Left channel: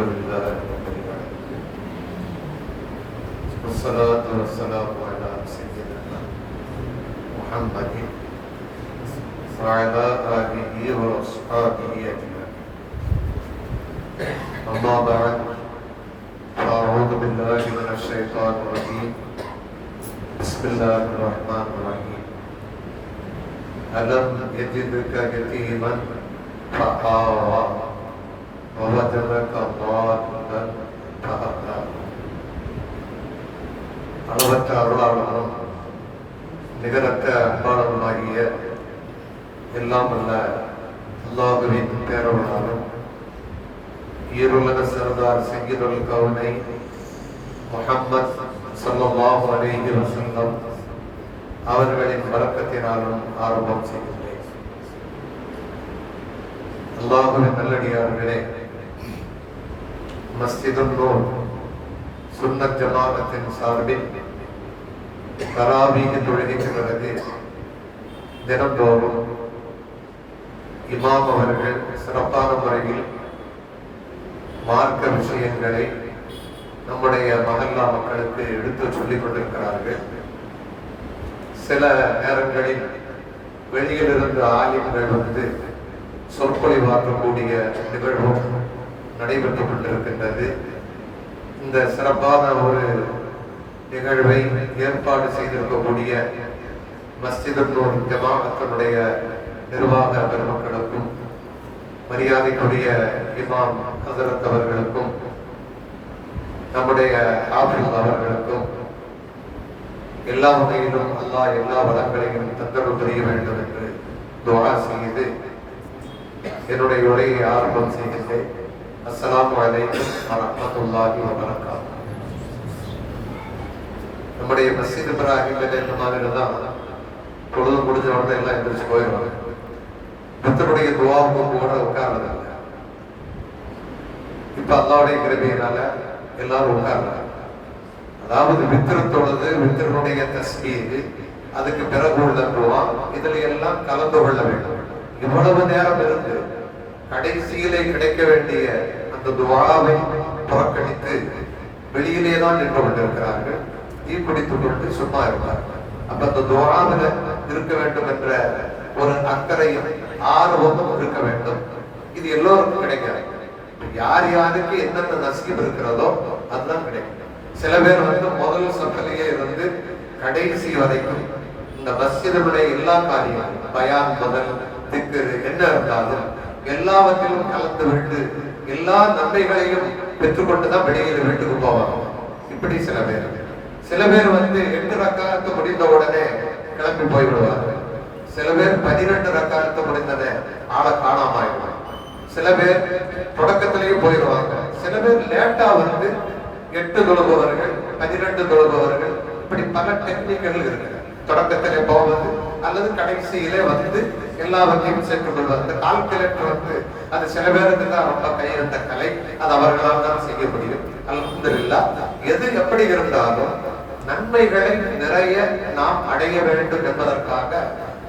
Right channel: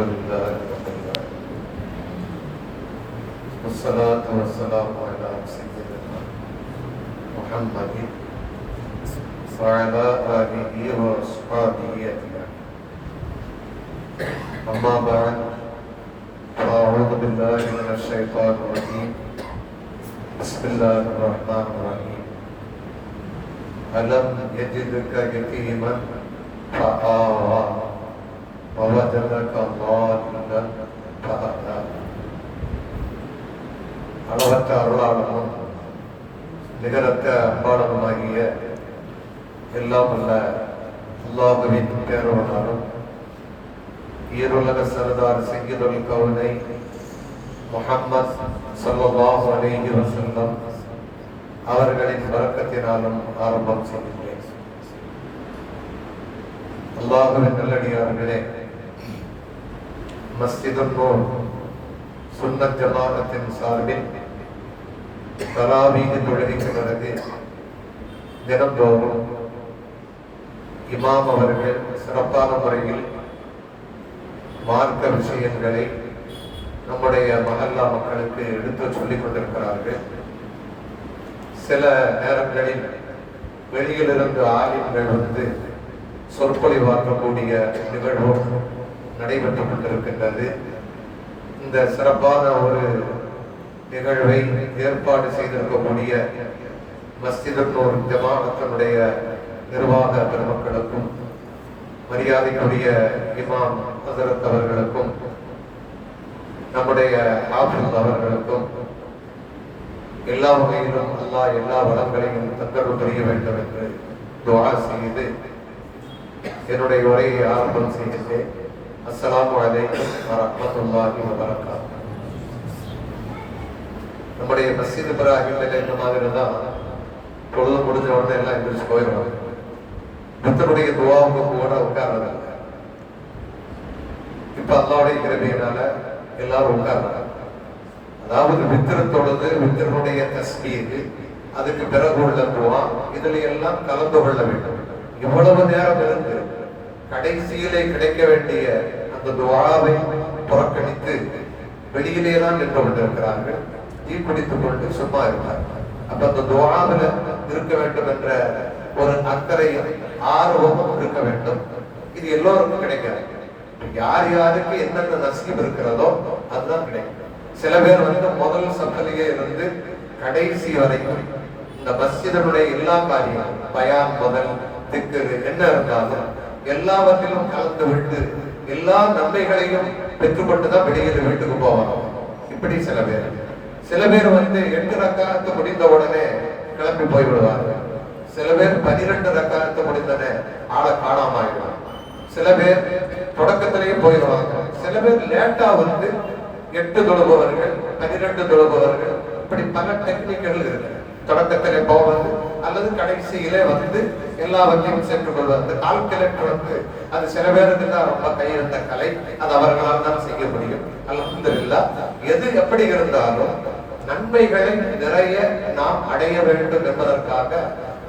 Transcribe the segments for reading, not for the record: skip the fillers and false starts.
لله رب العالمين والصلاة والسلام على سيدنا محمد وعلى آله وأصحابه أجمعين. أما بعد أعوذ بالله من الشيطان الرجيم. بسم الله الرحمن الرحيم. ألم يجدك يتيما فآوى ووجدك ضالا فهدى. அளவற்ற அருளாளனும் நிகரற்ற அன்பாளனுமாகிய எல்லாம் அல்ல அல்லாஹுவின் பேரவனாலும் ஈருலக சரதார் சய்யிதுல் கௌனை முஹம்மத் ஸல்லல்லாஹு அலைஹி வஸல்லம் அவர்களின் பரக்கத்தினாலும் ஆரம்பம் செய்கின்றேன். அல்லாஹுவின் நல்லடியார்களே, மஸ்ஜிதுன் நூர் சுன்னத் ஜமாஅத்தின் சார்பில் தராவீஹ் தொழுகைக்கு பிறகு தினந்தோறும் இமாம் அவர்கள் சிறப்பான முறையில் மார்க்க விஷயங்களை நம்முடைய மஹல்லா மக்களுக்கு எடுத்து சொல்லிக் கொண்டிருக்கிறார்கள். சில நேரங்களில் வெளியிலிருந்து ஆலிம்கள் வந்து சொற்பொழிவாற்றக்கூடிய நிகழ்வும் நடைபெற்றுக் கொண்டிருக்கின்றது. இந்த சிறப்பான ஒரு நிகழ்வை ஏற்பாடு செய்திருக்கக்கூடிய மஸ்ஜிதுன் நூர் ஜமாஅத்தினுடைய நிர்வாக பெருமக்களுக்கும் மரியாதைக்குரிய இமாம் ஹஸரத் அவர்களுக்கும் நம்முடைய ஹாஃபிஸ் அவர்களுக்கும் எல்லா வகையிலும் அல்லாஹ் எல்லா வளங்களையும் தந்தருள் புரிய வேண்டும் என்று துஆ செய்து என்னுடைய உரையை ஆரம்பம் செய்கிறேன். அஸ்ஸலாமு அலைக்கும் வரஹ்மத்துல்லாஹி வபரகாத்துஹு. நம்முடைய மஸ்ஜித் இப்ராஹிம் இந்த மாதிரி தான் பொழுது முடிஞ்ச உடனே எல்லாம் எந்திரிச்சு போயிடுவாங்க. புத்தருடைய துவாவுக்கு கூட உட்கார்றதில்ல. இப்ப அல்லாஹ்வுடைய கிருபையினால எல்லாரும் உட்கார்றாங்க. அதாவது வித்திரத்தொழுது வித்திரனுடைய தஸ்பீஹ், அதுக்கு பிறகு உள்ள துவா, இதுல எல்லாம் கலந்து கொள்ள வேண்டும். இவ்வளவு நேரம் இருந்து கடைசியிலே கிடைக்க வேண்டிய அந்த துவாவை புறக்கணித்து வெளியிலே தான் நின்று கொண்டிருக்கிறார்கள். தீ குடித்துக் கொண்டு சும்மா இருப்பார்கள். அப்ப அந்த துவாவில் இருக்க வேண்டும் என்ற ஒரு அக்கறையும் ஆர்வமும் இருக்க வேண்டும். இது எல்லோருக்கும் கிடைக்காது. யார் யாருக்கு என்னென்ன நசீப் இருக்கிறதோ அதுதான் கிடைக்கும். சில பேர் வந்து முதல் சஃபலிலே இருந்து கடைசி வரைக்கும் இந்த மஸ்ஜிதுடைய எல்லா காரியங்களும் பயான் முதல் திக்ர் என்ன இருந்தாலும் எல்லாவற்றிலும் கலந்து விட்டு எல்லா நன்மைகளையும் பெற்றுக்கொண்டுதான் வெளியில் வீட்டுக்கு போவாங்க. இப்படி சில பேர் வந்து 8 ரக்காத்து முடிந்த உடனே கிளம்பி போய்விடுவார்கள். சில பேர் 12 ரக்காத்து முடிந்ததே ஆளை காணாம ஆயிடுவாங்க. சில பேர் தொடக்கத்திலேயே போயிடுவாங்க. சில பேர் லேட்டா வந்து 8 தொழுபவர்கள் 12 தொழுபவர்கள், இப்படி பல டெக்னிக்கல் இருக்கு. தொடக்கத்திலே போவது அல்லது கடைசியிலே வந்து எல்லாவற்றையும் சேர்த்துக் கொள்வது. அந்த கால்குலேட்டர் வந்து அது சில பேருக்கு தான் ரொம்ப கையிருந்த கலை, அது அவர்களால் தான் செய்ய முடியும். அல்ஹம்துலில்லாஹ். எது எப்படி இருந்தாலும் நன்மைகளை நிறைய நாம் அடைய வேண்டும் என்பதற்காக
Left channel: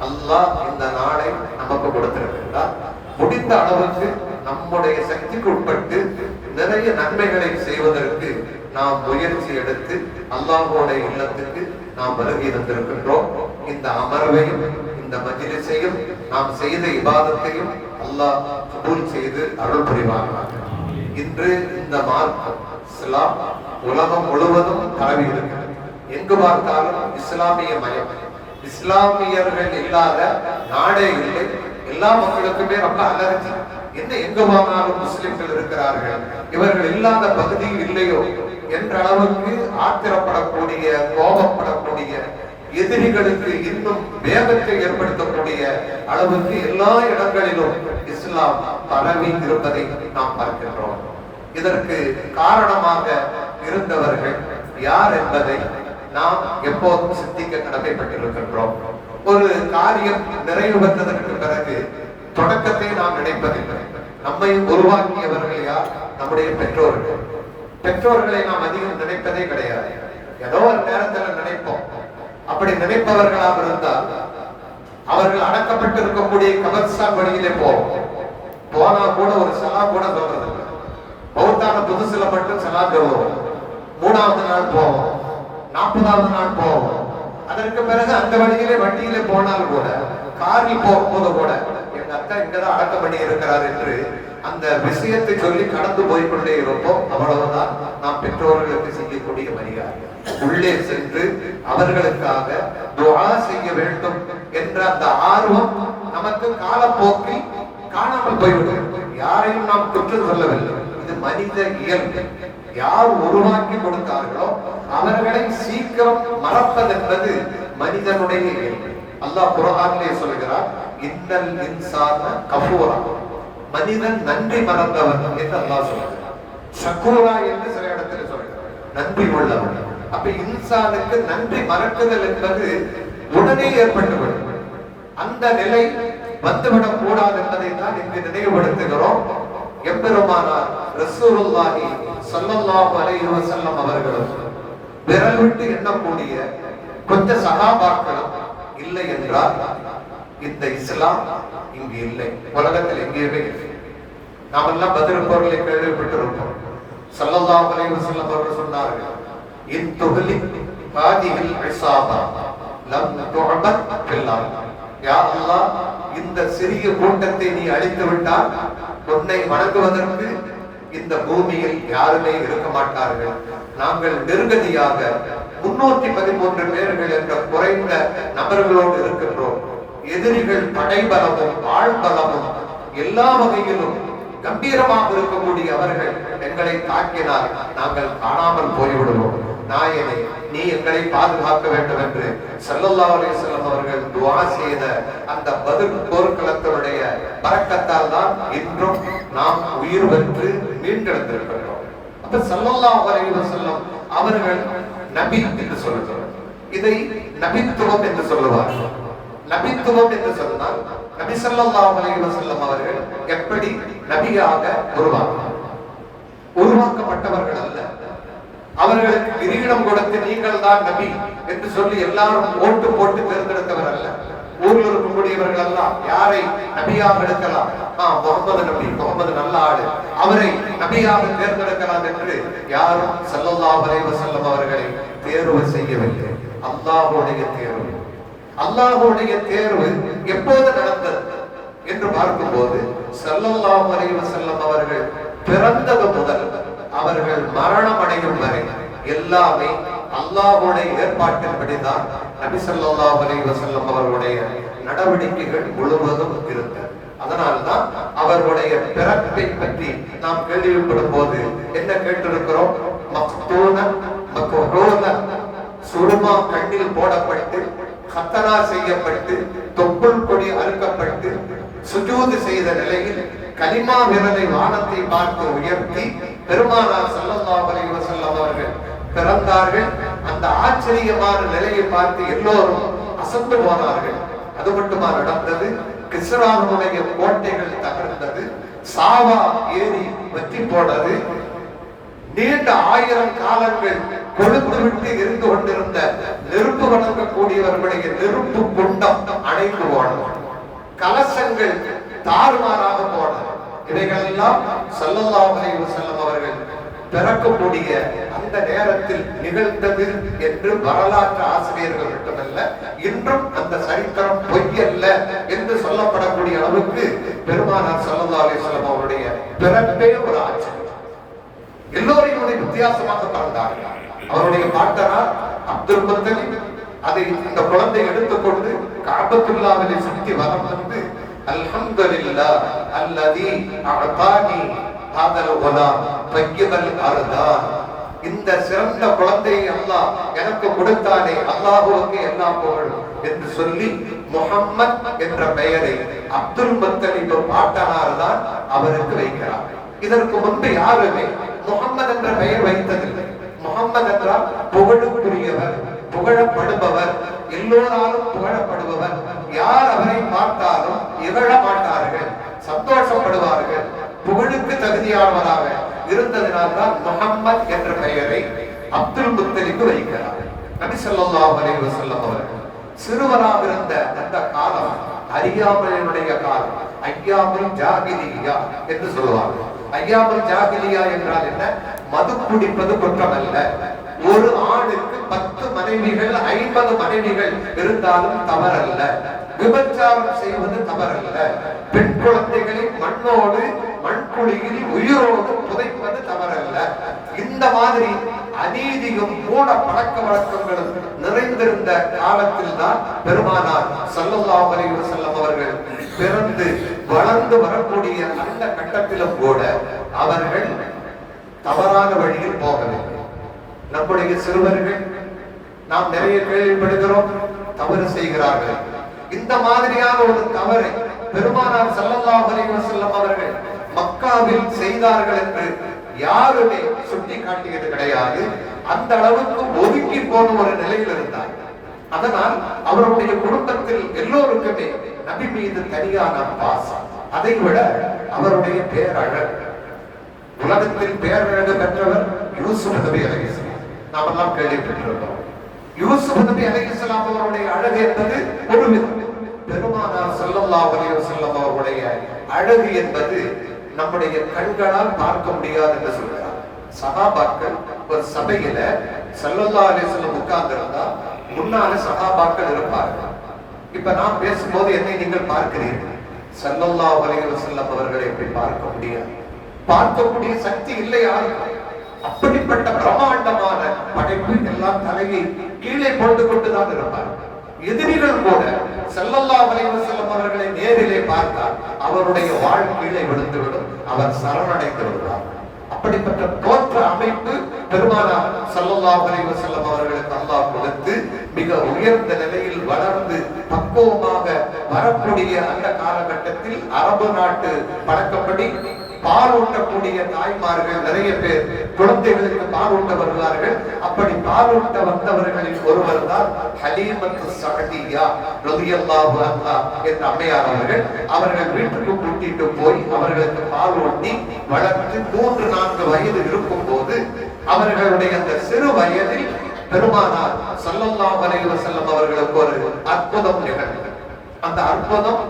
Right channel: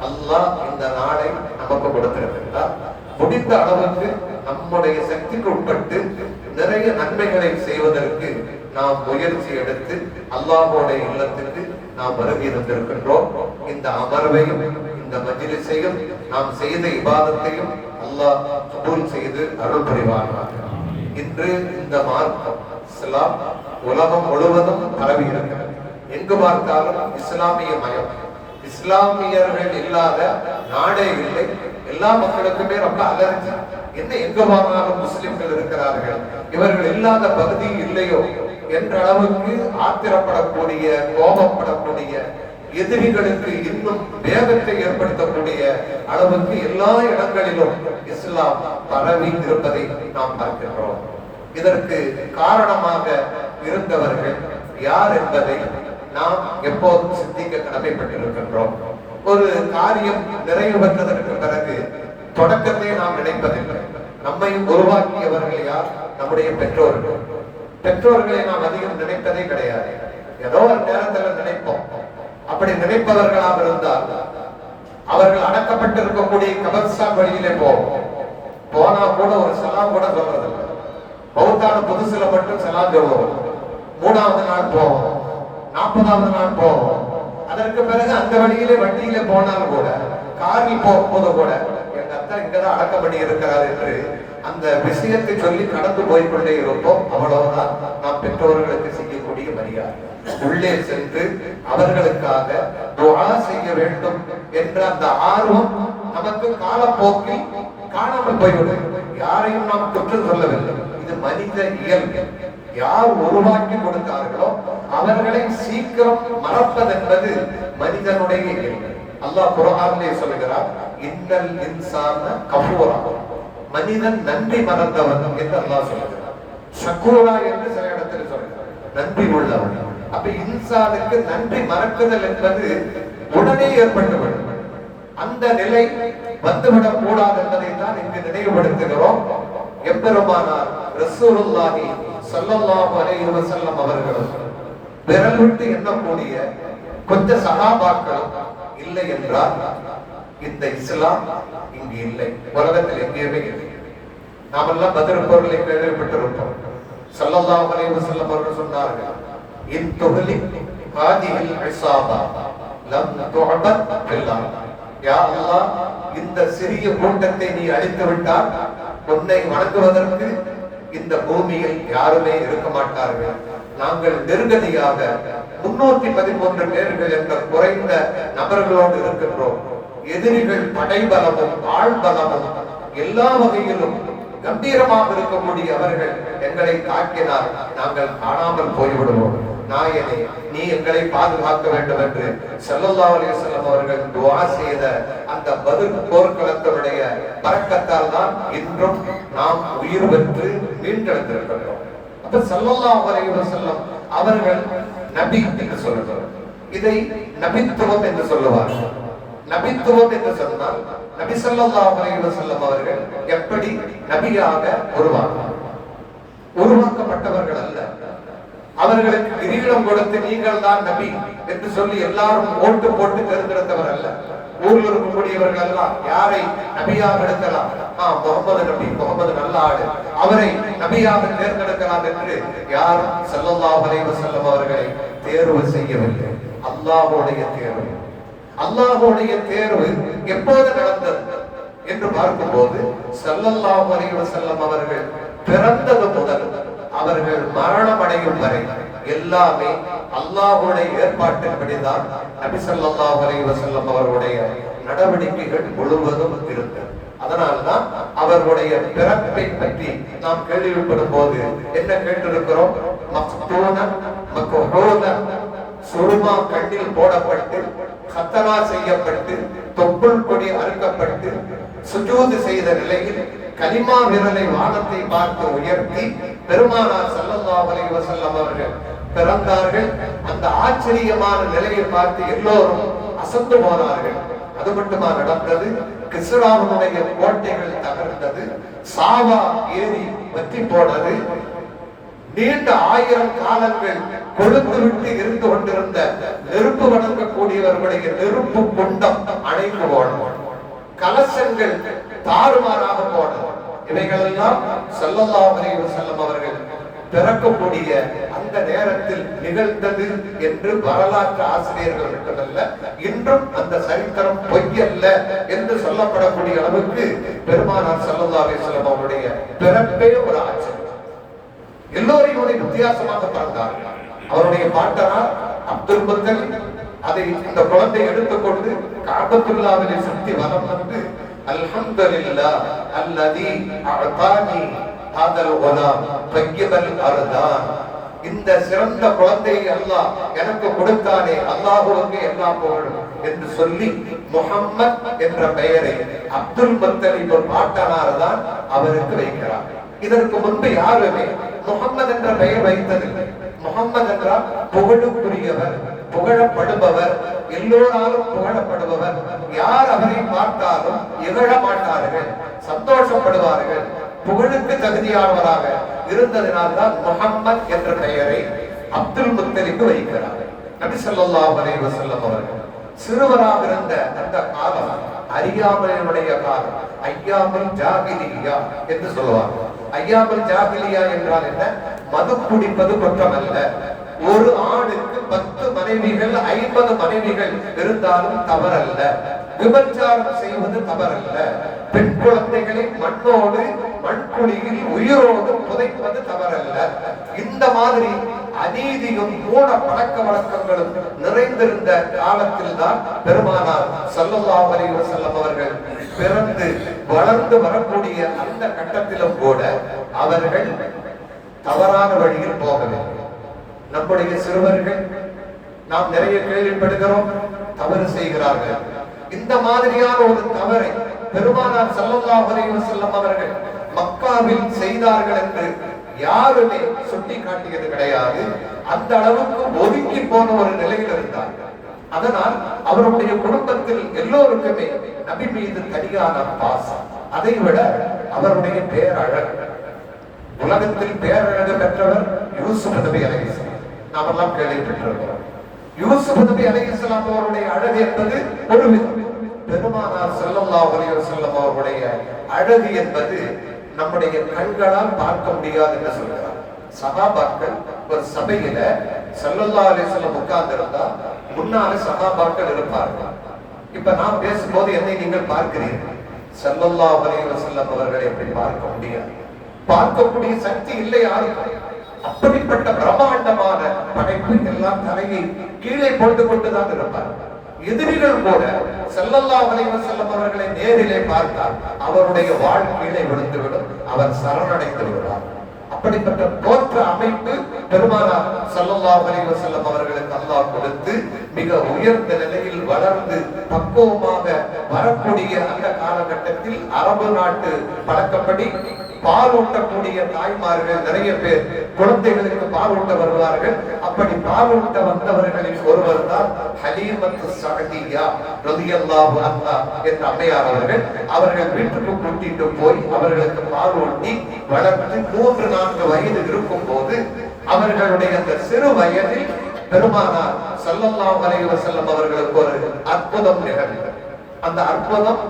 அல்லாஹ் இந்த நாளை நமக்கு கொடுத்திருக்கிறார். முடிந்த அளவுக்கு நம்முடைய சக்திக்கு உட்பட்டு நிறைய நன்மைகளை செய்வதற்கு நாம் முயற்சி எடுத்து அல்லாஹ்வுடைய இல்லத்துக்கு நாம் வருகை தந்திருக்கின்றோம். இந்த அமர்வையும் இந்த மஜ்லிஸையும் நாம் செய்த இபாதத்தையும் அல்லாஹ் கபூல் செய்து அருள் புரிவானாக. இன்று இந்த மார்க்கம் இஸ்லாம் உலகம் முழுவதும் பரவி இருக்கிறது. எங்கு பார்த்தாலும் இஸ்லாமிய மயம். இஸ்லாமியர்கள் இல்லாத நாடே இல்லை. எல்லா மக்களுக்குமே ரொம்ப அலர்ஜி. என்ன எங்க பார்த்தாலும் முஸ்லிம்கள் இருக்கிறார்கள், இவர்கள் இல்லாத பகுதி இல்லையோ என்ற அளவுக்கு ஆத்திரப்படக்கூடிய, கோபப்படக்கூடிய, எதிரிகளுக்கு இன்னும் வேகத்தை ஏற்படுத்தக்கூடிய அளவுக்கு எல்லா இடங்களிலும் இஸ்லாம் பரவி இருப்பதை நாம் பார்க்கின்றோம். இதற்கு காரணமாக இருந்தவர்கள் யார் என்பதை நாம் எப்போதும் சிந்திக்க கடமைப்பட்டிருக்கின்றோம். ஒரு காரியம் நிறைவு பெற்றதற்கு பிறகு தொடக்கத்தை நாம் நினைப்பதில்லை. நம்மை உருவாக்கியவர்கள் யார்? நம்முடைய பெற்றோர்கள். பெற்றோர்களை நாம் அதிகம் நினைப்பதே கிடையாது. ஏதோ ஒரு நேரத்தில் நினைப்போம். அப்படி நினைப்பவர்களாக இருந்தால் அவர்கள் அடக்கப்பட்டிருக்கக்கூடிய கபர்ஸ்தான் வழியிலே போனா கூட ஒரு சலாம் கூட சொல்றதில்லை. பௌத்தான புதுசுல மட்டும் செலாம் சொல்லுவோம், 3வது நாள் போவோம், 40வது நாள் போவோம். அதற்கு பிறகு அந்த வழியிலே வண்டியில போனால் கூட, காரில் போகும்போது கூட எங்க அத்தா இங்கதான் அடக்கம் பண்ணி இருக்கிறார் என்று அந்த விஷயத்தை சொல்லி கடந்து போய்கொண்டே இருப்போம். அவ்வளவுதான் நாம் பெற்றோர்களுக்கு செய்யக்கூடிய மரியாதை. உள்ளே சென்று அவர்களுக்காக துஆ செய்ய வேண்டும் என்ற அந்த ஆர்வம் நமக்கு காலப்போக்கில் காணாமல் போய்விடும். யாரையும் நாம் குற்றம் சொல்லவில்லை, இது மனித இயல்பு. யார் உருவாக்கி கொடுத்தார்களோ அவர்களை சீக்கிரம் மறப்பதென்பது மனிதனுடைய இயல்பு. அல்லாஹ் குர்ஆனிலே சொல்கிறார், இன்னல் இன்சான கஃபூரா, மனிதன் நன்றி மறந்தவன் என்று அல்லாஹ் சொல்கிறார். ஷக்கூரா என்று சில இடத்துல சொல்கிறார், நன்றி உள்ளவன். அப்ப இன்சானுக்கு நன்றி மறக்குதல் என்பது உடனே ஏற்பட்டுவிடும். அந்த நிலை வந்துவிடக் கூடாது என்பதை தான் இங்கு நினைவுபடுத்துகிறோம். எம்பெருமானார் ரசூலுல்லாஹி ஸல்லல்லாஹு அலைஹி வஸல்லம் அவர்களும் விரல் விட்டு எண்ணக்கூடிய கொஞ்ச சஹாபாக்கள் இல்லை என்றால் இந்த இஸ்லாம் இங்கு இல்லை, உலகத்தில் எங்கேயுமே இல்லை. நாமெல்லாம் பதில் பொருளை கேள்விப்பட்டிருப்போம். ஸல்லல்லாஹு அலைஹி வஸல்லம் அவர்கள் சொன்னார்கள், இன் துஹ்லி ஹாதிஹில் இஸாபா லம் துஅபத் பில்லாஹ். யா அல்லாஹ், இந்த சிறிய கூட்டத்தை நீ அழித்து விட்டால் உன்னை வணங்குவதற்கு இந்த பூமியில் யாருமே இருக்க மாட்டார்கள். நாங்கள் நிர்கதியாக 313 பேர்கள் என்ற குறைந்த நபர்களோடு இருக்கின்றோம். எதிரிகள் படைபலமும் ஆழ்பலமும் எல்லா வகையிலும் கம்பீரமாக இருக்கக்கூடிய அவர்கள் எங்களை தாக்கினால் நாங்கள் காணாமல் போய்விடுவோம். நாயனே, நீ எங்களை பாதுகாக்க வேண்டும் என்று ஸல்லல்லாஹு அலைஹி வஸல்லம் அவர்கள் துஆ செய்த அந்த பதில் போர்க்களத்தினுடைய பரக்கத்தால் தான் இன்றும் நாம் உயிர் பெற்று மீண்டெழுந்திருக்கிறோம். அப்ப ஸல்லல்லாஹு அலைஹி வஸல்லம் அவர்கள் நபி என்று சொல்லுகிறார். இதை நபித்துவம் என்று சொல்லுவார்கள். நபித்துவம் என்று சொன்னால் நபி ஸல்லல்லாஹு அலைஹி வஸல்லம் அவர்கள் எப்படி நபியாக உருவாக்கப்பட்டவர்கள் அல்ல. அவர்களுக்கு கிரீடம் கொடுத்து நீங்கள் தான் நபி என்று சொல்லி எல்லாரும் ஓட்டு போட்டு தேர்ந்தெடுத்தவர் அல்ல. ஊரில் இருக்கக்கூடியவர்கள் எல்லாம் யாரை நபியாக எடுக்கலாம், முகமது நபி, முகமது நல்ல ஆளு, அவரை நபியாக தேர்ந்தெடுக்கலாம் என்று யாரும் ஸல்லல்லாஹு அலைஹி வஸல்லம் அவர்களை தேர்வு செய்யவில்லை. அல்லாஹ்வுடைய தேர்வு. அல்லாஹ்வுடைய தேர்வு எப்போது நடந்தது என்று பார்க்கும்போது ஸல்லல்லாஹு அலைஹி வஸல்லம் அவர்கள் பிறந்தது முதல் அவர்கள் மரணம் அடையும் வரை எல்லாமே அல்லாஹ்வுடைய ஏற்பாட்டின்படிதான் நபி ஸல்லல்லாஹு அலைஹி வஸல்லம் அவர்களுடைய நடவடிக்கைகள் முழுவதும் இருந்தது. அதனால்தான் அவர்களுடைய பிறப்பை பற்றி நாம் கேள்விப்படும் போது என்ன கேட்டிருக்கிறோம்? மக்தூன மக்ஹூன, சுருமா கண்ணில் போடப்பட்டு கத்தனா செய்யப்பட்டு தொப்புள் கொடி அறுக்கப்பட்டு சுஜூது செய்த நிலையில் கலிமா விரலை வானத்தை பார்த்து உயர்த்தி பெருமானார் ஸல்லல்லாஹு அலைஹி வஸல்லம் அவர்கள் பிறந்தார்கள். அந்த ஆச்சரியமான நிலையை பார்த்து எல்லோரும் அசந்து போனார்கள். அது மட்டுமா நடந்தது? கிஸ்ராவுடைய கோட்டைகள் தகர்ந்தது, சாவா ஏரி வெற்றி போனது, நீண்ட 1000 காலங்கள் கொழுந்து விட்டு இருந்து கொண்டிருந்த நெருப்பு வணங்கக்கூடியவர்களுடைய நெருப்பு குண்டம் அணைந்து போனது, கலசங்கள் தாறுமாறாக போனது. இவைகளெல்லாம் ஸல்லல்லாஹு அலைஹி வஸல்லம் அவர்கள் பிறக்கக்கூடிய அந்த நேரத்தில் நிகழ்ந்தது என்று வரலாற்று ஆசிரியர்கள் மட்டுமல்ல, இன்றும் அந்த சரித்திரம் பொய்யல்ல என்று சொல்லப்படக்கூடிய அளவுக்கு பெருமானார் ஸல்லல்லாஹு அலைஹி வஸல்லம் அவருடைய பிறப்பே ஒரு ஆச்சரியம். எல்லோரையுடைய வித்தியாசமாக பிறந்தார்கள். அவருடைய பாட்டனார் அப்துல் முத்தலிப் அதை இந்த குழந்தை எடுத்துக்கொண்டு கஅபத்துல்லாஹ்வை சுற்றி வலம் வந்து அல்ஹம்துலில்லாஹ் அல்லதி அஅதானி ஹாதல் குலாம் தய்யிபல் அர்தான், இந்த சிறந்த குழந்தையை அல்லாஹ் எனக்கு கொடுத்தானே, அல்லாஹ்வுக்கு எல்லா புகழும் என்று சொல்லி முஹம்மத் என்ற பெயரை அப்துல் முத்தலிப் பாட்டனார் தான் அவருக்கு வைக்கிறார். இதற்கு முன்பு யாருமே முஹம்மது என்ற பெயர் வைத்ததில்லை. முஹம்மது என்றால் புகழுக்குரியவர், புகழப்படுபவர், எல்லோராலும் புகழப்படுபவர். யார் அவரை பார்த்தாலும் இகழ மாட்டார்கள், சந்தோஷப்படுவார்கள். புகழுக்கு தகுதியானவராக இருந்ததினால்தான் முஹம்மத் என்ற பெயரை அப்துல் முத்தலிப் வைக்கிறார். நபி ஸல்லல்லாஹு அலைஹி வஸல்லம் அவர்கள் சிறுவராக இருந்த அந்த காலம் அறியாமையினுடைய காலம், ஐயாமுல் ஜாஹிலிய்யா என்று சொல்வார்கள். ஐயாமுல் ஜாஹிலியா என்றால் என்ன? மது குடிப்பது குற்றம் அல்ல. ஒரு ஆணுக்கு 10 மனைவிகள் 50 மனைவிகள் இருந்தாலும் தவறல்ல. விபச்சாரம் செய்வது தவறல்ல. பெண் குழந்தைகளை மண்ணோடு மண்குழியில் உயிரோடு புதைப்பது தவறல்ல. இந்த மாதிரி அநீதியும் மூட பழக்க வழக்கங்களும் நிறைந்திருந்த காலத்தில் தான் பெருமானார் ஸல்லல்லாஹு அலைஹி வஸல்லம் அவர்கள் பிறந்து வளர்ந்து வரக்கூடிய அந்த கட்டத்திலும் கூட அவர்கள் தவறான வழியில் போகவில்லை. நம்முடைய சிறுவர்கள் நாம் நிறைய கேள்விப்படுகிறோம், தவறு செய்கிறார்கள். இந்த மாதிரியான ஒரு தவறை பெருமானார் ஸல்லல்லாஹு அலைஹி வஸல்லம் அவர்கள் மக்காவில் செய்தார்கள் என்று யாருமே சுட்டி காட்டியது கிடையாது. அந்த அளவுக்கு ஒதுங்கி போன ஒரு நிலையில் இருந்தார். அதனால் அவருடைய குடும்பத்தில் எல்லோருக்குமே நபி மீது தனியான பாசம். அதை விட அவருடைய பேரழகு, உலகத்தில் பேரழகு பெற்றவர் யூசுப் நபி அலைஹிஸ்ஸலாம். நாமெல்லாம் கேள்விப்பட்டிருக்கிறோம். யூசுப் நபி அலைஹிஸ்ஸலாம் அவருடைய அழகு என்பது ஒரு விதம். பெருமானார் ஸல்லல்லாஹு அலைஹி வஸல்லம் அவருடைய அழகு என்பது நம்முடைய கண்களால் பார்க்க முடியாது என்று சொல்கிறார். சஹாபாக்கள் ஒரு சபையில ஸல்லல்லாஹு அலைஹி வஸல்லம் உட்கார்ந்திருந்தா முன்னால சஹாபாக்கள் இருப்பார்கள். இப்ப நான் பேசும்போது என்னை நீங்கள் பார்க்கிறீர்கள். ஸல்லல்லாஹு அலைஹி வஸல்லம் அவர்களை எப்படி பார்க்க முடியாது? பார்க்கக்கூடிய சக்தி இல்லை யாருக்கும். அப்படிப்பட்ட பிரம்மாண்டமான படைப்பு எல்லாம் தலையை கீழே போட்டு கொண்டுதான் இருப்பார். எதிரிகள் கூட ஸல்லல்லாஹு அலைஹி வஸல்லம் அவர்களை நேரிலே பார்த்தால் அவருடைய வாழ்க்கையிலே விழுந்துவிடும், அவர் சரணடைந்து விடுவார். அப்படிப்பட்ட தோற்ற அமைப்பு பெருமானார் ஸல்லல்லாஹு அலைஹி வஸல்லம் அவர்களுக்கு அல்லாஹ் கொடுத்து மிக உயர்ந்த நிலையில் வளர்ந்து பக்குவமாக வரக்கூடிய அந்த காலகட்டத்தில் அரபு நாட்டு பழக்கப்படி பால் ஊட்டக்கூடிய தாய்மார்கள் நிறைய பேர் குழந்தைகளுக்கு பால் ஊட்ட வருவார்கள். அப்படி பால் ஊட்ட வந்தவர்களில் ஒருவர் தான் ஹலீமத்து ஸஅதிய்யா ரலியல்லாஹு அன்ஹா என்ற அம்மையார் அவர்கள். அவர்கள் வீட்டுக்கு கூட்டிட்டு போய் அவர்களுக்கு பால் ஊட்டி வளர்த்து 3-4 வயது இருக்கும் போது அவர்களுடைய அந்த சிறு வயதில் பெருமானார் ஸல்லல்லாஹு அலைஹி வஸல்லம் அவர்களுக்கு ஒரு அற்புதம் நிகழ்ந்தது. அந்த அற்புதம்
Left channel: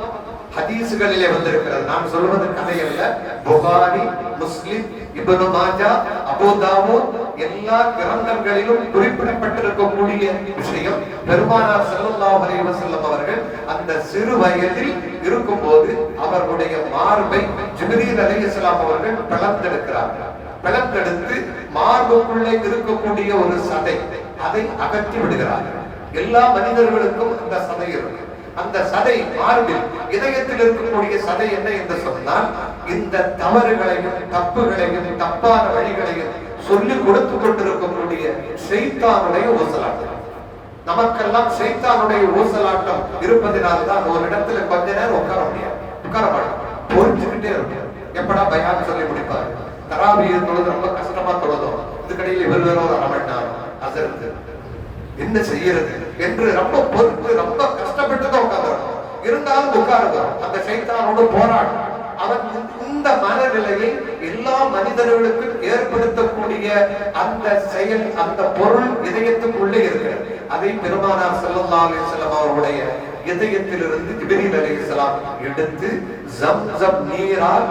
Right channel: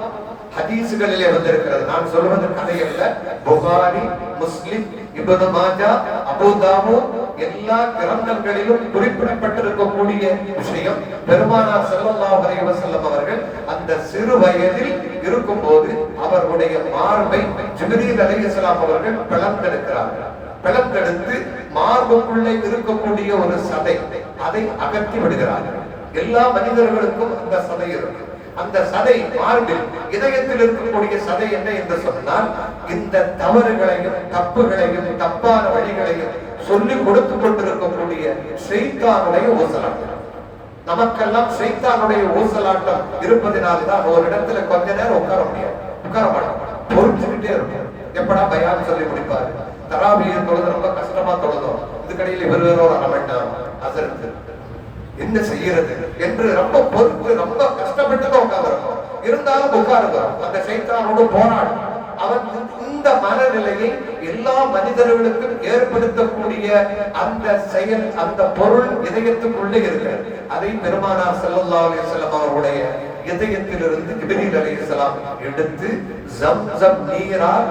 ஹதீஸ்களிலே வந்திருக்கிறது. நான் சொல்வது கதை அல்ல. புகாரி, முஸ்லிம், இப்னு மாஜா, அபூ தாவூத் எல்லா கிரந்தங்களிலும் குறிப்பிடப்பட்டிருக்கக்கூடிய விஷயம். பெருமானார் ஸல்லல்லாஹு அலைஹி வஸல்லம் அவர்கள் அந்த சிறு வயதில் இருக்கும்போது அவர்களுடைய மார்பை ஜிப்ரீல் அலைஹிஸ்ஸலாம் அவர்கள் பிளந்தெடுக்கிறார்கள். பிளந்தெடுத்து மார்புக்குள்ளே இருக்கக்கூடிய ஒரு சதை, அதை அகற்றி விடுகிறார்கள். எல்லா மனிதர்களுக்கும் அந்த சதை இருக்கு. அந்த சதை மார்பில் இதயத்தில் இருக்கக்கூடிய சதை என்ன என்று சொன்னால் இந்த தவறுகளையும் தப்புகளையும் தப்பான வழிகளையும் சொல்லி கொடுத்து கொண்டிருக்கக்கூடிய ஷைத்தானுடைய ஊசலாட்டம். நமக்கெல்லாம் ஷைத்தானுடைய ஊசலாட்டம் இருப்பதனால்தான் ஒரு இடத்துல கொஞ்ச நேரம் உட்கார முடியாது, உட்கார மாட்டோம், பொறுத்துக்கிட்டே இருக்கும். எப்படா பயான் சொல்லி முடிப்பாரு, தராவியை தொழுது ரொம்ப கஷ்டமா தொழுதோம், இதுக்கடையில் இவர் வேற ஒரு 1/2 மணி நேரம் அசருக்கு என்ன செய்யறது என்று ரொம்ப பொறுத்து ரொம்ப கஷ்டப்பட்டு உட்கார்ந்து இருந்தாலும் உட்காருதோம். அந்த ஷைத்தானோடு போராடும். அவன் இந்த மனநிலையை எல்லா மனிதர்களுக்கும் ஏற்படுத்தக்கூடிய அந்த செயல், அந்த பொருள் இதயத்துக்குள்ளே இருக்கிறது. அதை பெருமானார் ஸல்லல்லாஹு அலைஹி வஸல்லம் அவருடைய இதயத்திலிருந்து ஜிப்ரீல் அலைஹிஸ்ஸலாம் எடுத்து ஜம்ஸம் நீரால்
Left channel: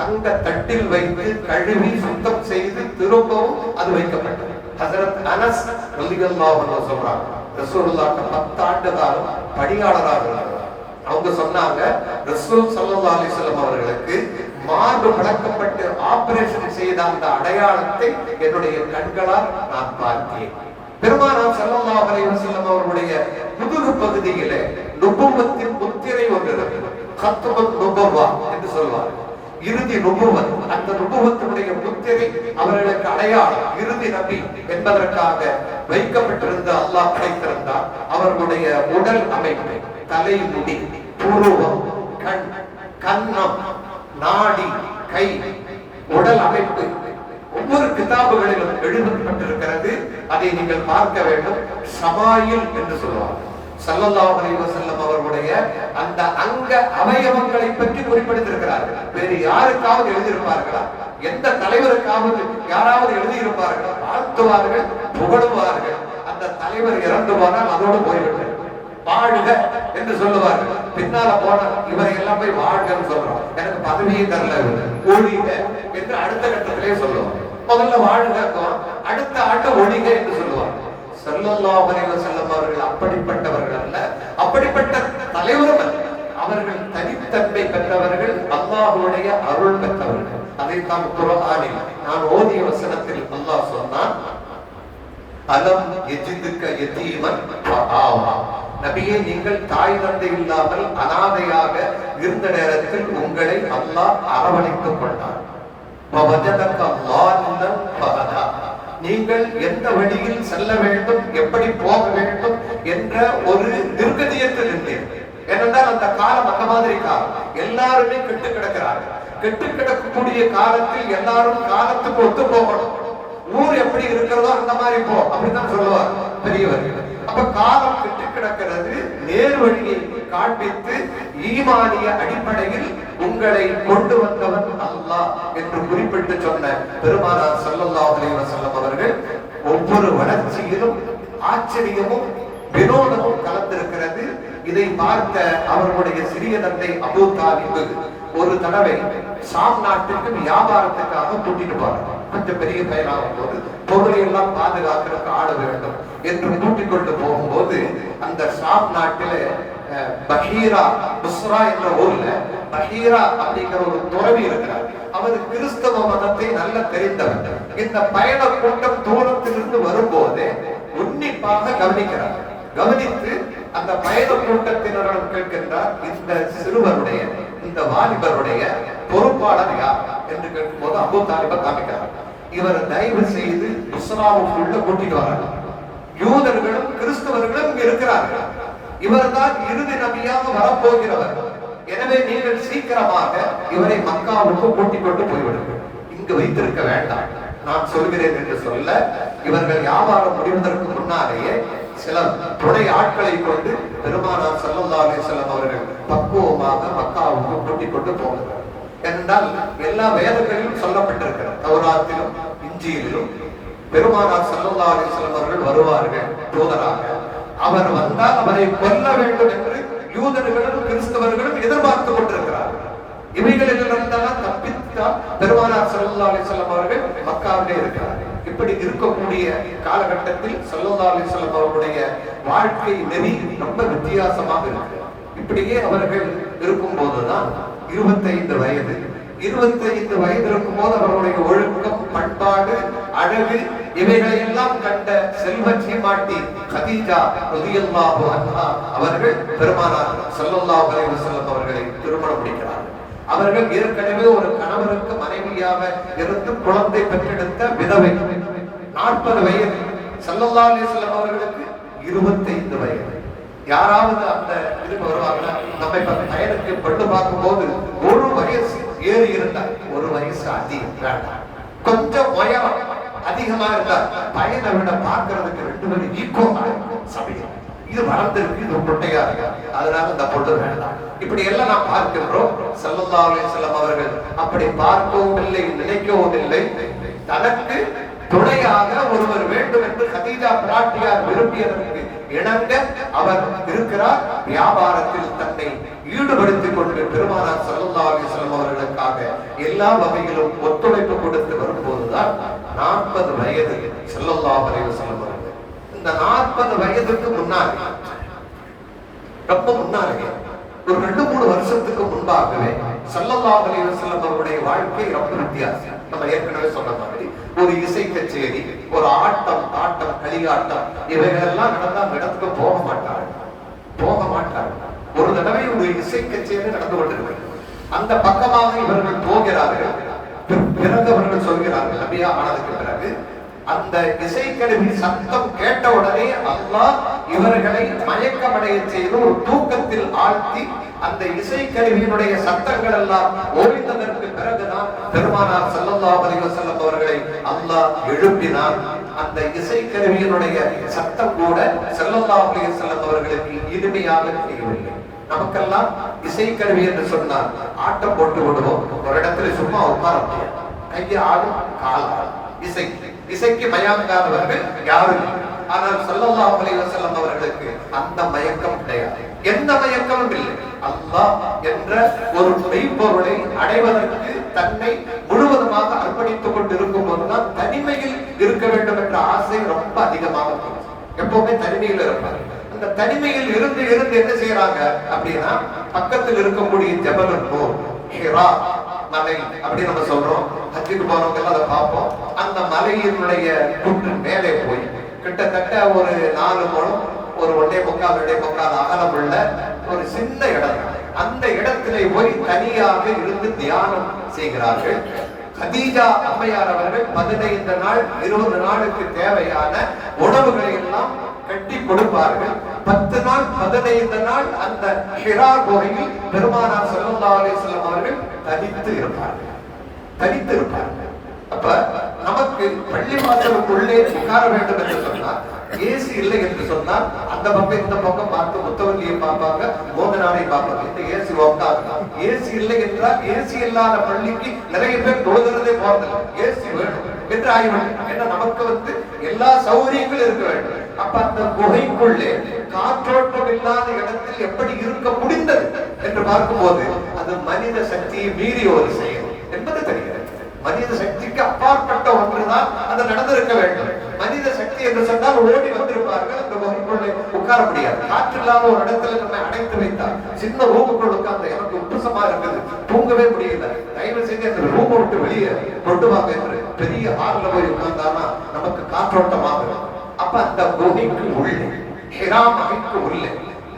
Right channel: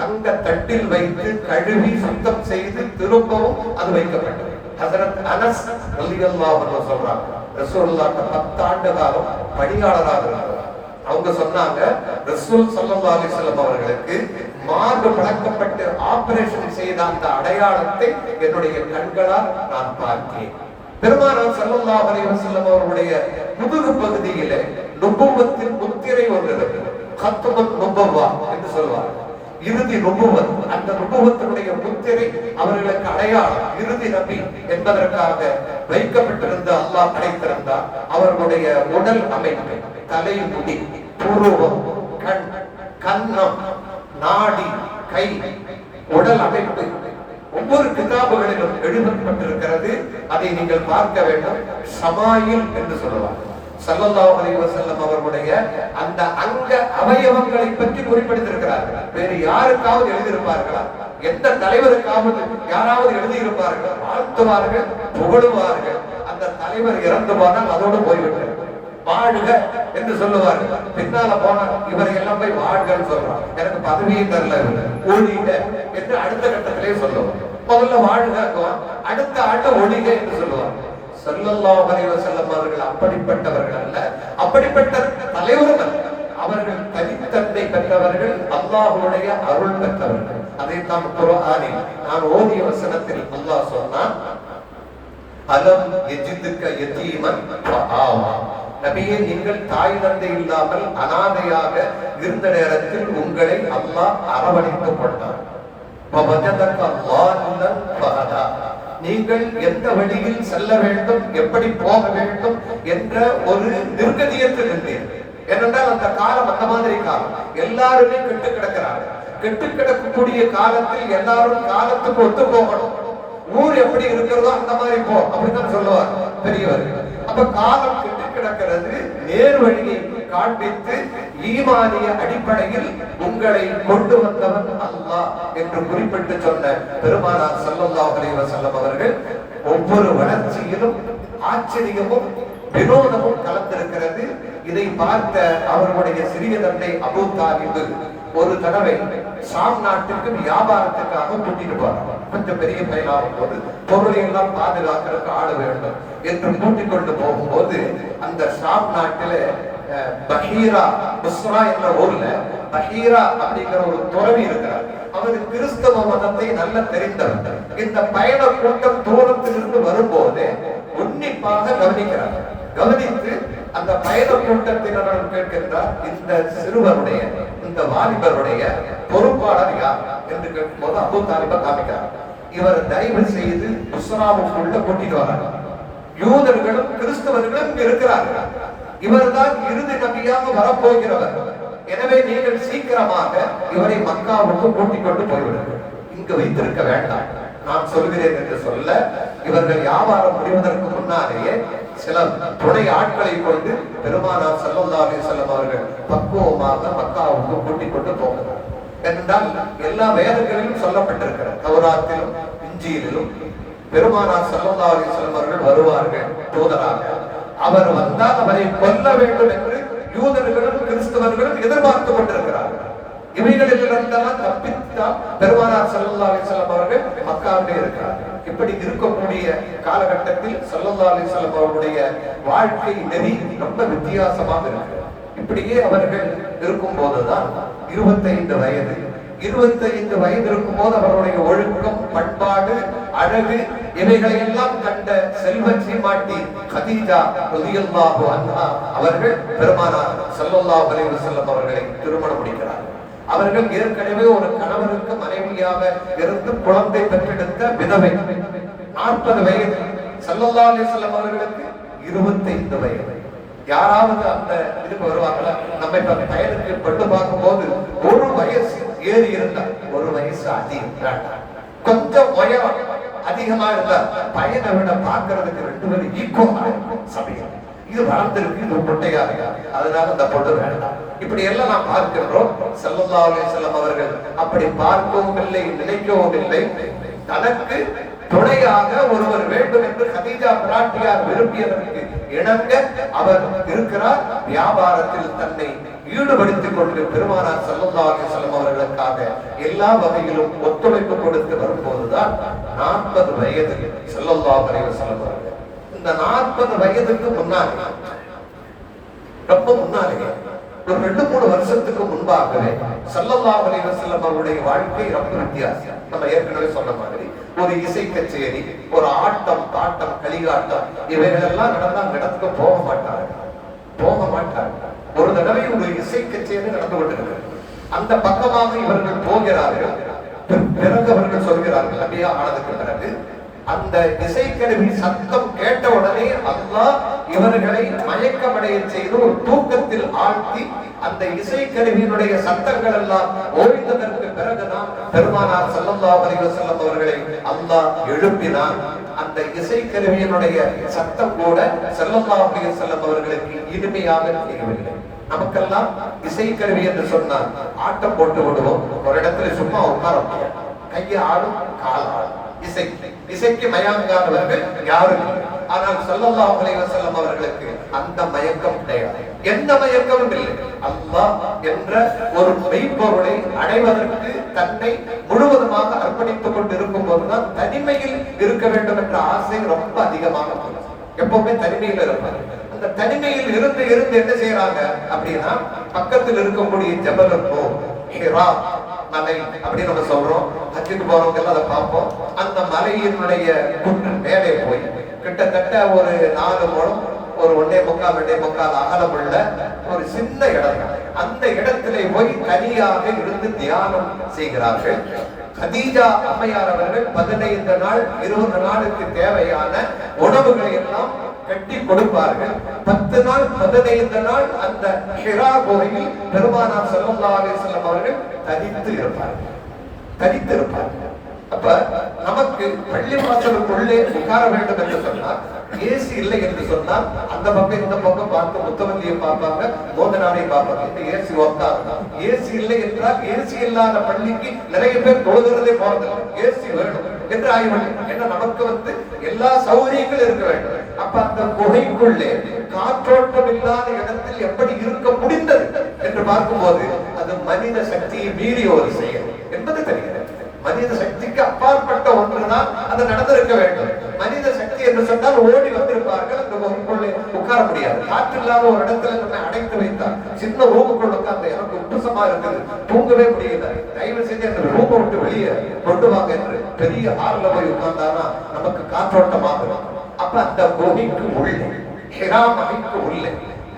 தங்க தட்டில் வைத்து கழுவி சுத்தம் செய்து திரும்பவும் அது வைக்கப்பட்டது. ஹஜ்ரத் அனஸ் ரலியல்லாஹு அன்ஹு சொல்றாங்க, ரசூலுல்லாஹ் 10 ஆண்டு காலம் பணியாளராக இருந்தார். அவங்க சொன்னாங்க, ரசூல் ஸல்லல்லாஹு அலைஹி வஸல்லம் அவர்களுக்கு மார்பு பிளக்கப்பட்டு ஆபரேஷன் செய்த அந்த அடையாளத்தை என்னுடைய கண்களால் நான் பார்த்தேன். பெருமானார் ஸல்லல்லாஹு அலைஹி வஸல்லம் அவர்களுடைய முதுகு பகுதியிலே நுபுவத்தின் முத்திரை ஒன்று, கத்புன் நுபுவா என்று சொல்வார், இறுதி நுபுவத். அந்த நுபுவத்தினுடைய முத்திரை அவர்களுக்கு அடையாளம், இறுதி நபி என்பதற்காக வைக்கப்பட்டிருந்த அல்லாஹ் படைத்திருந்தார். அவர்களுடைய உடல் அமைப்பு, தலைமுடி, புருவம், கண், கன்னம், நாடி, கை, உடல் அமைப்பு ஒவ்வொரு கிதாபுகளிலும் எழுதப்பட்டிருக்கிறது. அதை நீங்கள் பார்க்க வேண்டும். ஷமாயில் என்று சொல்லுவாங்க. ஸல்லல்லாஹு அலைஹி வஸல்லம் அவர்களுடைய அந்த அங்க அவயவங்களை பற்றி குறிப்பிட்டிருக்கிறார்கள். வேறு யாருக்காவது எழுதியிருப்பார்களா? எந்த தலைவருக்காவது யாராவது எழுதியிருப்பார்களா? வாழ்த்துவார்கள், புகழுவார்கள். அந்த தலைவர் இறந்து போனால் அதோடு போய்விட்டார். வாழ்க என்று சொல்லுவார்கள். பின்னால போன இவரை எல்லாம் போய் வாழ்கன்னு சொல்றான். எனக்கு பதவியை தரல, ஒழிக என்று அடுத்த கட்டத்திலே சொல்லுவார். முதல்ல வாழ்க, அடுத்த ஆண்டு ஒழிக என்று சொல்லுவார். ஸல்லல்லாஹு அலைஹி வஸல்லம் அவர்கள் அப்படிப்பட்டவர்கள் அல்ல, அப்படிப்பட்ட தலைவரும் அல்ல. அவர்கள் தனித்தன்மை பெற்றவர்கள், அல்லாஹ்வுடைய அருள் பெற்றவர்கள். அதைத்தான் குர்ஆனில் நான் ஓதிய வசனத்தில் அல்லாஹ் சொன்னான், அலம் யஜிதுக யதீமன் ஃபஆவா. நபியே, நீங்கள் தாய் தந்தை இல்லாமல் அனாதையாக இருந்த நேரத்தில் உங்களை அல்லாஹ் அரவணைத்துக் கொண்டார். வவஜதக ضالًا ஃபஹதா. நீங்கள் எந்த வழியில் செல்ல வேண்டும், எப்படி போக வேண்டும் என்ற ஒரு நிர்கதியத்தில் இருந்தீர்கள். ஏனென்றால் அந்த காலம் அந்த மாதிரி காலம், எல்லாருமே கெட்டு கிடக்கிறார்கள். கெட்டு கிடக்கக்கூடிய காலத்தில் எல்லாரும் காலத்துக்கு ஒத்து போகணும். ஊர் எப்படி இருக்கிறதோ அந்த மாதிரி போ, அப்படித்தான் சொல்லுவார் பெரியவர்கள். அப்ப காலம் கெட்டு கிடக்கிறது, நேர் வழியை காண்பித்து ஈமானிய அடிப்படையில் உங்களை கொண்டு வந்தவன் அல்லாஹ் என்று குறிப்பிட்டு சொன்ன பெருமானார் ஸல்லல்லாஹு அலைஹி வஸல்லம் அவர்கள் ஒவ்வொரு வளர்ச்சியிலும் ஆச்சரியமும் வினோதமும் கலந்திருக்கிறது. இதை பார்த்த அவர்களுடைய சிறிய தந்தை அபூ தாலிப் ஒரு தடவை ஷாம் நாட்டுக்கு வியாபாரத்துக்காக கூட்டிட்டு போறாங்க. கொஞ்சம் பெரிய பயனாகும் போது பொருளை எல்லாம் பாதுகாக்கிறதுக்கு ஆள வேண்டும் என்று கூட்டிக் கொண்டு போகும்போது அந்த ஷாம் நாட்டில பஹீரா புஸ்ரா என்ற ஊர்ல பஹீரா அப்படிங்கிற ஒரு துறவி இருக்கிறார். அவர் கிறிஸ்தவ மதத்தை நல்ல தெரிந்தவர். இந்த பயண கூட்டம் தூரத்திலிருந்து வரும்போது உன்னிப்பாக கவனிக்கிறார். கவனித்து அந்த பயண கூட்டத்தினரிடம் கேட்கின்றார், இந்த சிறுவருடைய இந்த வாலிபருடைய பொறுப்பாளர் யார் என்று கேட்கும்போது அபூ தாலிப காமிக்கிறார். இவர் தயவு செய்து புஸ்ராவுக்குள்ள கூட்டிட்டு வராங்க. யூதர்களும் கிறிஸ்தவர்களும் இங்க இருக்கிறார்கள். இவர் தான் இறுதி நபியாக வரப்போகிறவர். எனவே நீங்கள் சீக்கிரமாக இவரை மக்காவுக்கு கூட்டிக் கொண்டு போய்விடுங்கள், இங்கு வைத்திருக்க வேண்டாம், நான் சொல்கிறேன் என்று சொல்ல, இவர்கள் வியாபாரம் முடிவதற்கு முன்னாலேயே சில துணை ஆட்களை கொண்டு பெருமானார் ஸல்லல்லாஹு அலைஹி வஸல்லம் அவர்கள் பக்குவமாக மக்காவுக்கு கூட்டிக் கொண்டு போகிறார். என்றால் எல்லா வேதங்களிலும் சொல்லப்பட்டிருக்கிறது, தௌராத்திலும் இஞ்சியிலும் பெருமானார் ஸல்லல்லாஹு அலைஹி வஸல்லம் அவர்கள் வருவார்கள் தூதராக. அவர் வந்தால் அவரை கொல்ல வேண்டும் என்று யூதர்களும் கிறிஸ்தவர்களும் எதிர்பார்த்து கொண்டிருக்கிறார்கள். இவைகளில் இருந்தெல்லாம் தப்பித்தான் பெருமானார் ஸல்லல்லாஹு அலைஹி வஸல்லம் அவர்கள் மக்காவிலே இருக்கிறார்கள். இப்படி இருக்கக்கூடிய காலகட்டத்தில் ஸல்லல்லாஹு அலைஹி வஸல்லம் அவர்களுடைய வாழ்க்கை நெறி ரொம்ப வித்தியாசமாக இருக்கு. இப்படியே அவர்கள் இருக்கும் போதுதான் 25 வயது இருக்கும் போது அவருடைய ஒழுக்கம், பண்பாடு, அழகு இவைகளை எல்லாம் கண்ட செல்வ சீமாட்டி கதீஜா ரலியல்லாஹு அன்ஹா அவர்கள் பெருமானார் ஸல்லல்லாஹு அலைஹி வஸல்லம் அவர்களை திருமணம் முடிக்கிறார். அவர்கள் ஏற்கனவே ஒரு கணவருக்கு மனைவியாக இருந்து குழந்தை பெற்றெடுத்த விதவை. 40 வயது. ஸல்லல்லாஹு அலைஹி வஸல்லம் அவர்களுக்கு 25 வயது. யாராவது அந்த இதுக்கு வருவாங்களா? நம்ம இப்ப பயனுக்கு பட்டு பார்க்கும் போது ஒரு வயசு ஏறி இருந்தார், ஒரு வயசு அதிகம் வேண்டாம், கொஞ்சம் உயரம் அதிகமா இருந்தார், பையனை விட பார்க்கறதுக்கு 2 பேரும் ஈக்குவலா சமயம். இது வளர்ந்திருக்கு, இது பொட்டையா இருக்கு, அதனால இந்த பொண்ணு வேண்டாம். இப்படி எல்லாம் நாம் பார்க்கின்றோம். ஸல்லல்லாஹு அலைஹி வஸல்லம் அவர்கள் அப்படி பார்க்கவும் இல்லை, நினைக்கவும் இல்லை. தனக்கு துணையாக ஒருவர் வேண்டும் என்று கதீஜா பிராட்டியார் விரும்பியதற்கு இணங்க அவர் இருக்கிறார். வியாபாரத்தில் தன்னை ஈடுபடுத்திக் கொண்டு பெருமானார் ஸல்லல்லாஹு அலைஹி வஸல்லம் அவர்களுக்காக எல்லா வகையிலும் ஒத்துழைப்பு கொடுத்து வரும்போதுதான் 40 வயது ஸல்லல்லாஹு அலைஹி வஸல்லம் அவர்கள். இந்த 40 வயதுக்கு முன்னாடி, ரொம்ப முன்னாடி, ஒரு 2-3 வருஷத்துக்கு முன்பாகவே ஸல்லல்லாஹு அலைஹி வஸல்லம் அவருடைய வாழ்க்கை ரொம்ப வித்தியாசம். நம்ம ஏற்கனவே சொன்ன மாதிரி ஒரு இசை கச்சேரி, ஒரு ஆட்டம், பாட்டம், களியாட்டம் இவைகளெல்லாம் நடக்க போக மாட்டார்கள். ஒரு தடவை ஒரு இசை கச்சேரி நடந்து கொண்டிருக்கிறது. அந்த பக்கமாக இவர்கள் போகிறார்கள். பிறகு அவர்கள் சொல்கிறார்கள், நபியா ஆனதுக்கு பிறகு அந்த இசைக்கருவி சத்தம் கேட்ட உடனே அல்லாஹ் இவர்களை மயக்கமடைய செய்து ஒரு தூக்கத்தில் ஆழ்த்தி அந்த இசைக்கருவியினுடைய சத்தங்கள் எல்லாம் ஓய்ந்ததற்கு பிறகுதான் பெருமானார் ஸல்லல்லாஹு அலைஹி வஸல்லம் அவர்களை அல்லாஹ் எழுப்பினார். அந்த இசைக்கருவியினுடைய சத்தம் கூட ஸல்லல்லாஹு அலைஹி வஸல்லம் அவர்களுக்கு இனிமையாக தெரியவில்லை. நமக்கெல்லாம் இசைக்கருவி என்று சொன்னால் ஆட்டம் போட்டு விடுவோம், ஒரு இடத்துல சும்மா உட்கார கையை ஆடும், கால் ஆடும். இசைக்கு மயாங்கானவர்கள் யாரும். ஆனால் ஸல்லல்லாஹு அலைஹி வஸல்லம் அவர்களுக்கு அந்த மயக்கம் கிடையாது. எந்த மயக்கமும் இல்லை. அல்லாஹ் என்ற ஒரு மெய்ப்பொருளை அடைவதற்கு தன்னை முழுவதுமாக அர்ப்பணித்துக் கொண்டிருக்கும் போதுதான் தனிமையில் இருக்க வேண்டும் என்ற ஆசை ரொம்ப அதிகமாக இருக்கும். எப்பவுமே தனிமையில் இருப்பாங்க. அந்த தனிமையில் இருந்து இருந்து என்ன செய்யறாங்க அப்படின்னா, பக்கத்தில் இருக்கக்கூடிய ஜபல் நூர், ஹிரா மலை அப்படி நம்ம சொல்றோம். ஹஜ்ஜுக்கு போறவங்க எல்லாம் அதை பார்ப்போம். அந்த மலையினுடைய குன்றின் மேலே போய் கிட்டத்தட்ட ஒரு 4 முழம், ஒரு 1.25 அகலம் உள்ள ஒரு சின்ன இடம். அந்த இடத்திலே போய் தனியாக இருந்து தியானம் செய்கிறார்கள். கதீஜா அம்மையார் அவர்கள் 15 நாள் 20 நாளுக்கு தேவையான உணவுகளை எல்லாம் கட்டி கொடுப்பார்கள். 10 நாள் 15 நாள் அந்த ஹிரா குகையில் பெருமானார் ஸல்லல்லாஹு அலைஹி வஸல்லம் அவர்கள் தனித்து இருப்பார்கள். அப்ப நமக்கு பள்ளிவாசலுக்குள்ளே உட்கார வேண்டும் என்று சொன்னால், ஏசி இல்லை என்று சொன்னால் அந்த பக்கம் இந்த பக்கம் பார்த்து முத்தவல்லியை பார்ப்பாங்க, மோதனாரை பார்ப்பாங்க. இந்த ஏசி உட்காருங்க. ஏசி இல்லை என்றால் ஏசி இல்லாத பள்ளிக்கு நிறைய பேர் தொழுகிறதே போறதில்லை. ஏசி வேணும் என்று ஆகிவிடும். ஏன்னா நமக்கு எல்லா சௌகரியங்களும் இருக்க வேண்டும். அப்ப அந்த குகைக்குள்ளே காற்றோட்டம் இல்லாத இடத்தில் எப்படி இருக்க முடிந்தது என்று பார்க்கும்போது அது மனித சக்தியை மீறிய ஒரு செயல் என்பது தெரிகிறது. மனித சக்திக்கு அப்பாற்பட்ட ஒன்றுதான் அது நடந்திருக்க வேண்டும். மனித சக்தி என்று சொன்னால் ஓடி வந்திருப்பார்கள். அந்த குகைக்குள்ளே உட்கார முடியாது. காற்று இல்லாத ஒரு இடத்துல நம்ம அடைத்து வைத்தால், சின்ன ரூமுக்குள் உட்கார்ந்து எனக்கு உப்புசமா இருக்குது, தூங்கவே முடியல, தயவு செஞ்சு அந்த ரூமை விட்டு வெளியே கொண்டு வாங்க என்று பெரிய ஹால்ல போய் உட்கார்ந்தானா நமக்கு காற்றோட்டமாக. அப்ப அந்த குகைக்கு உள்ளே, ஹிரா மலைக்கு உள்ளே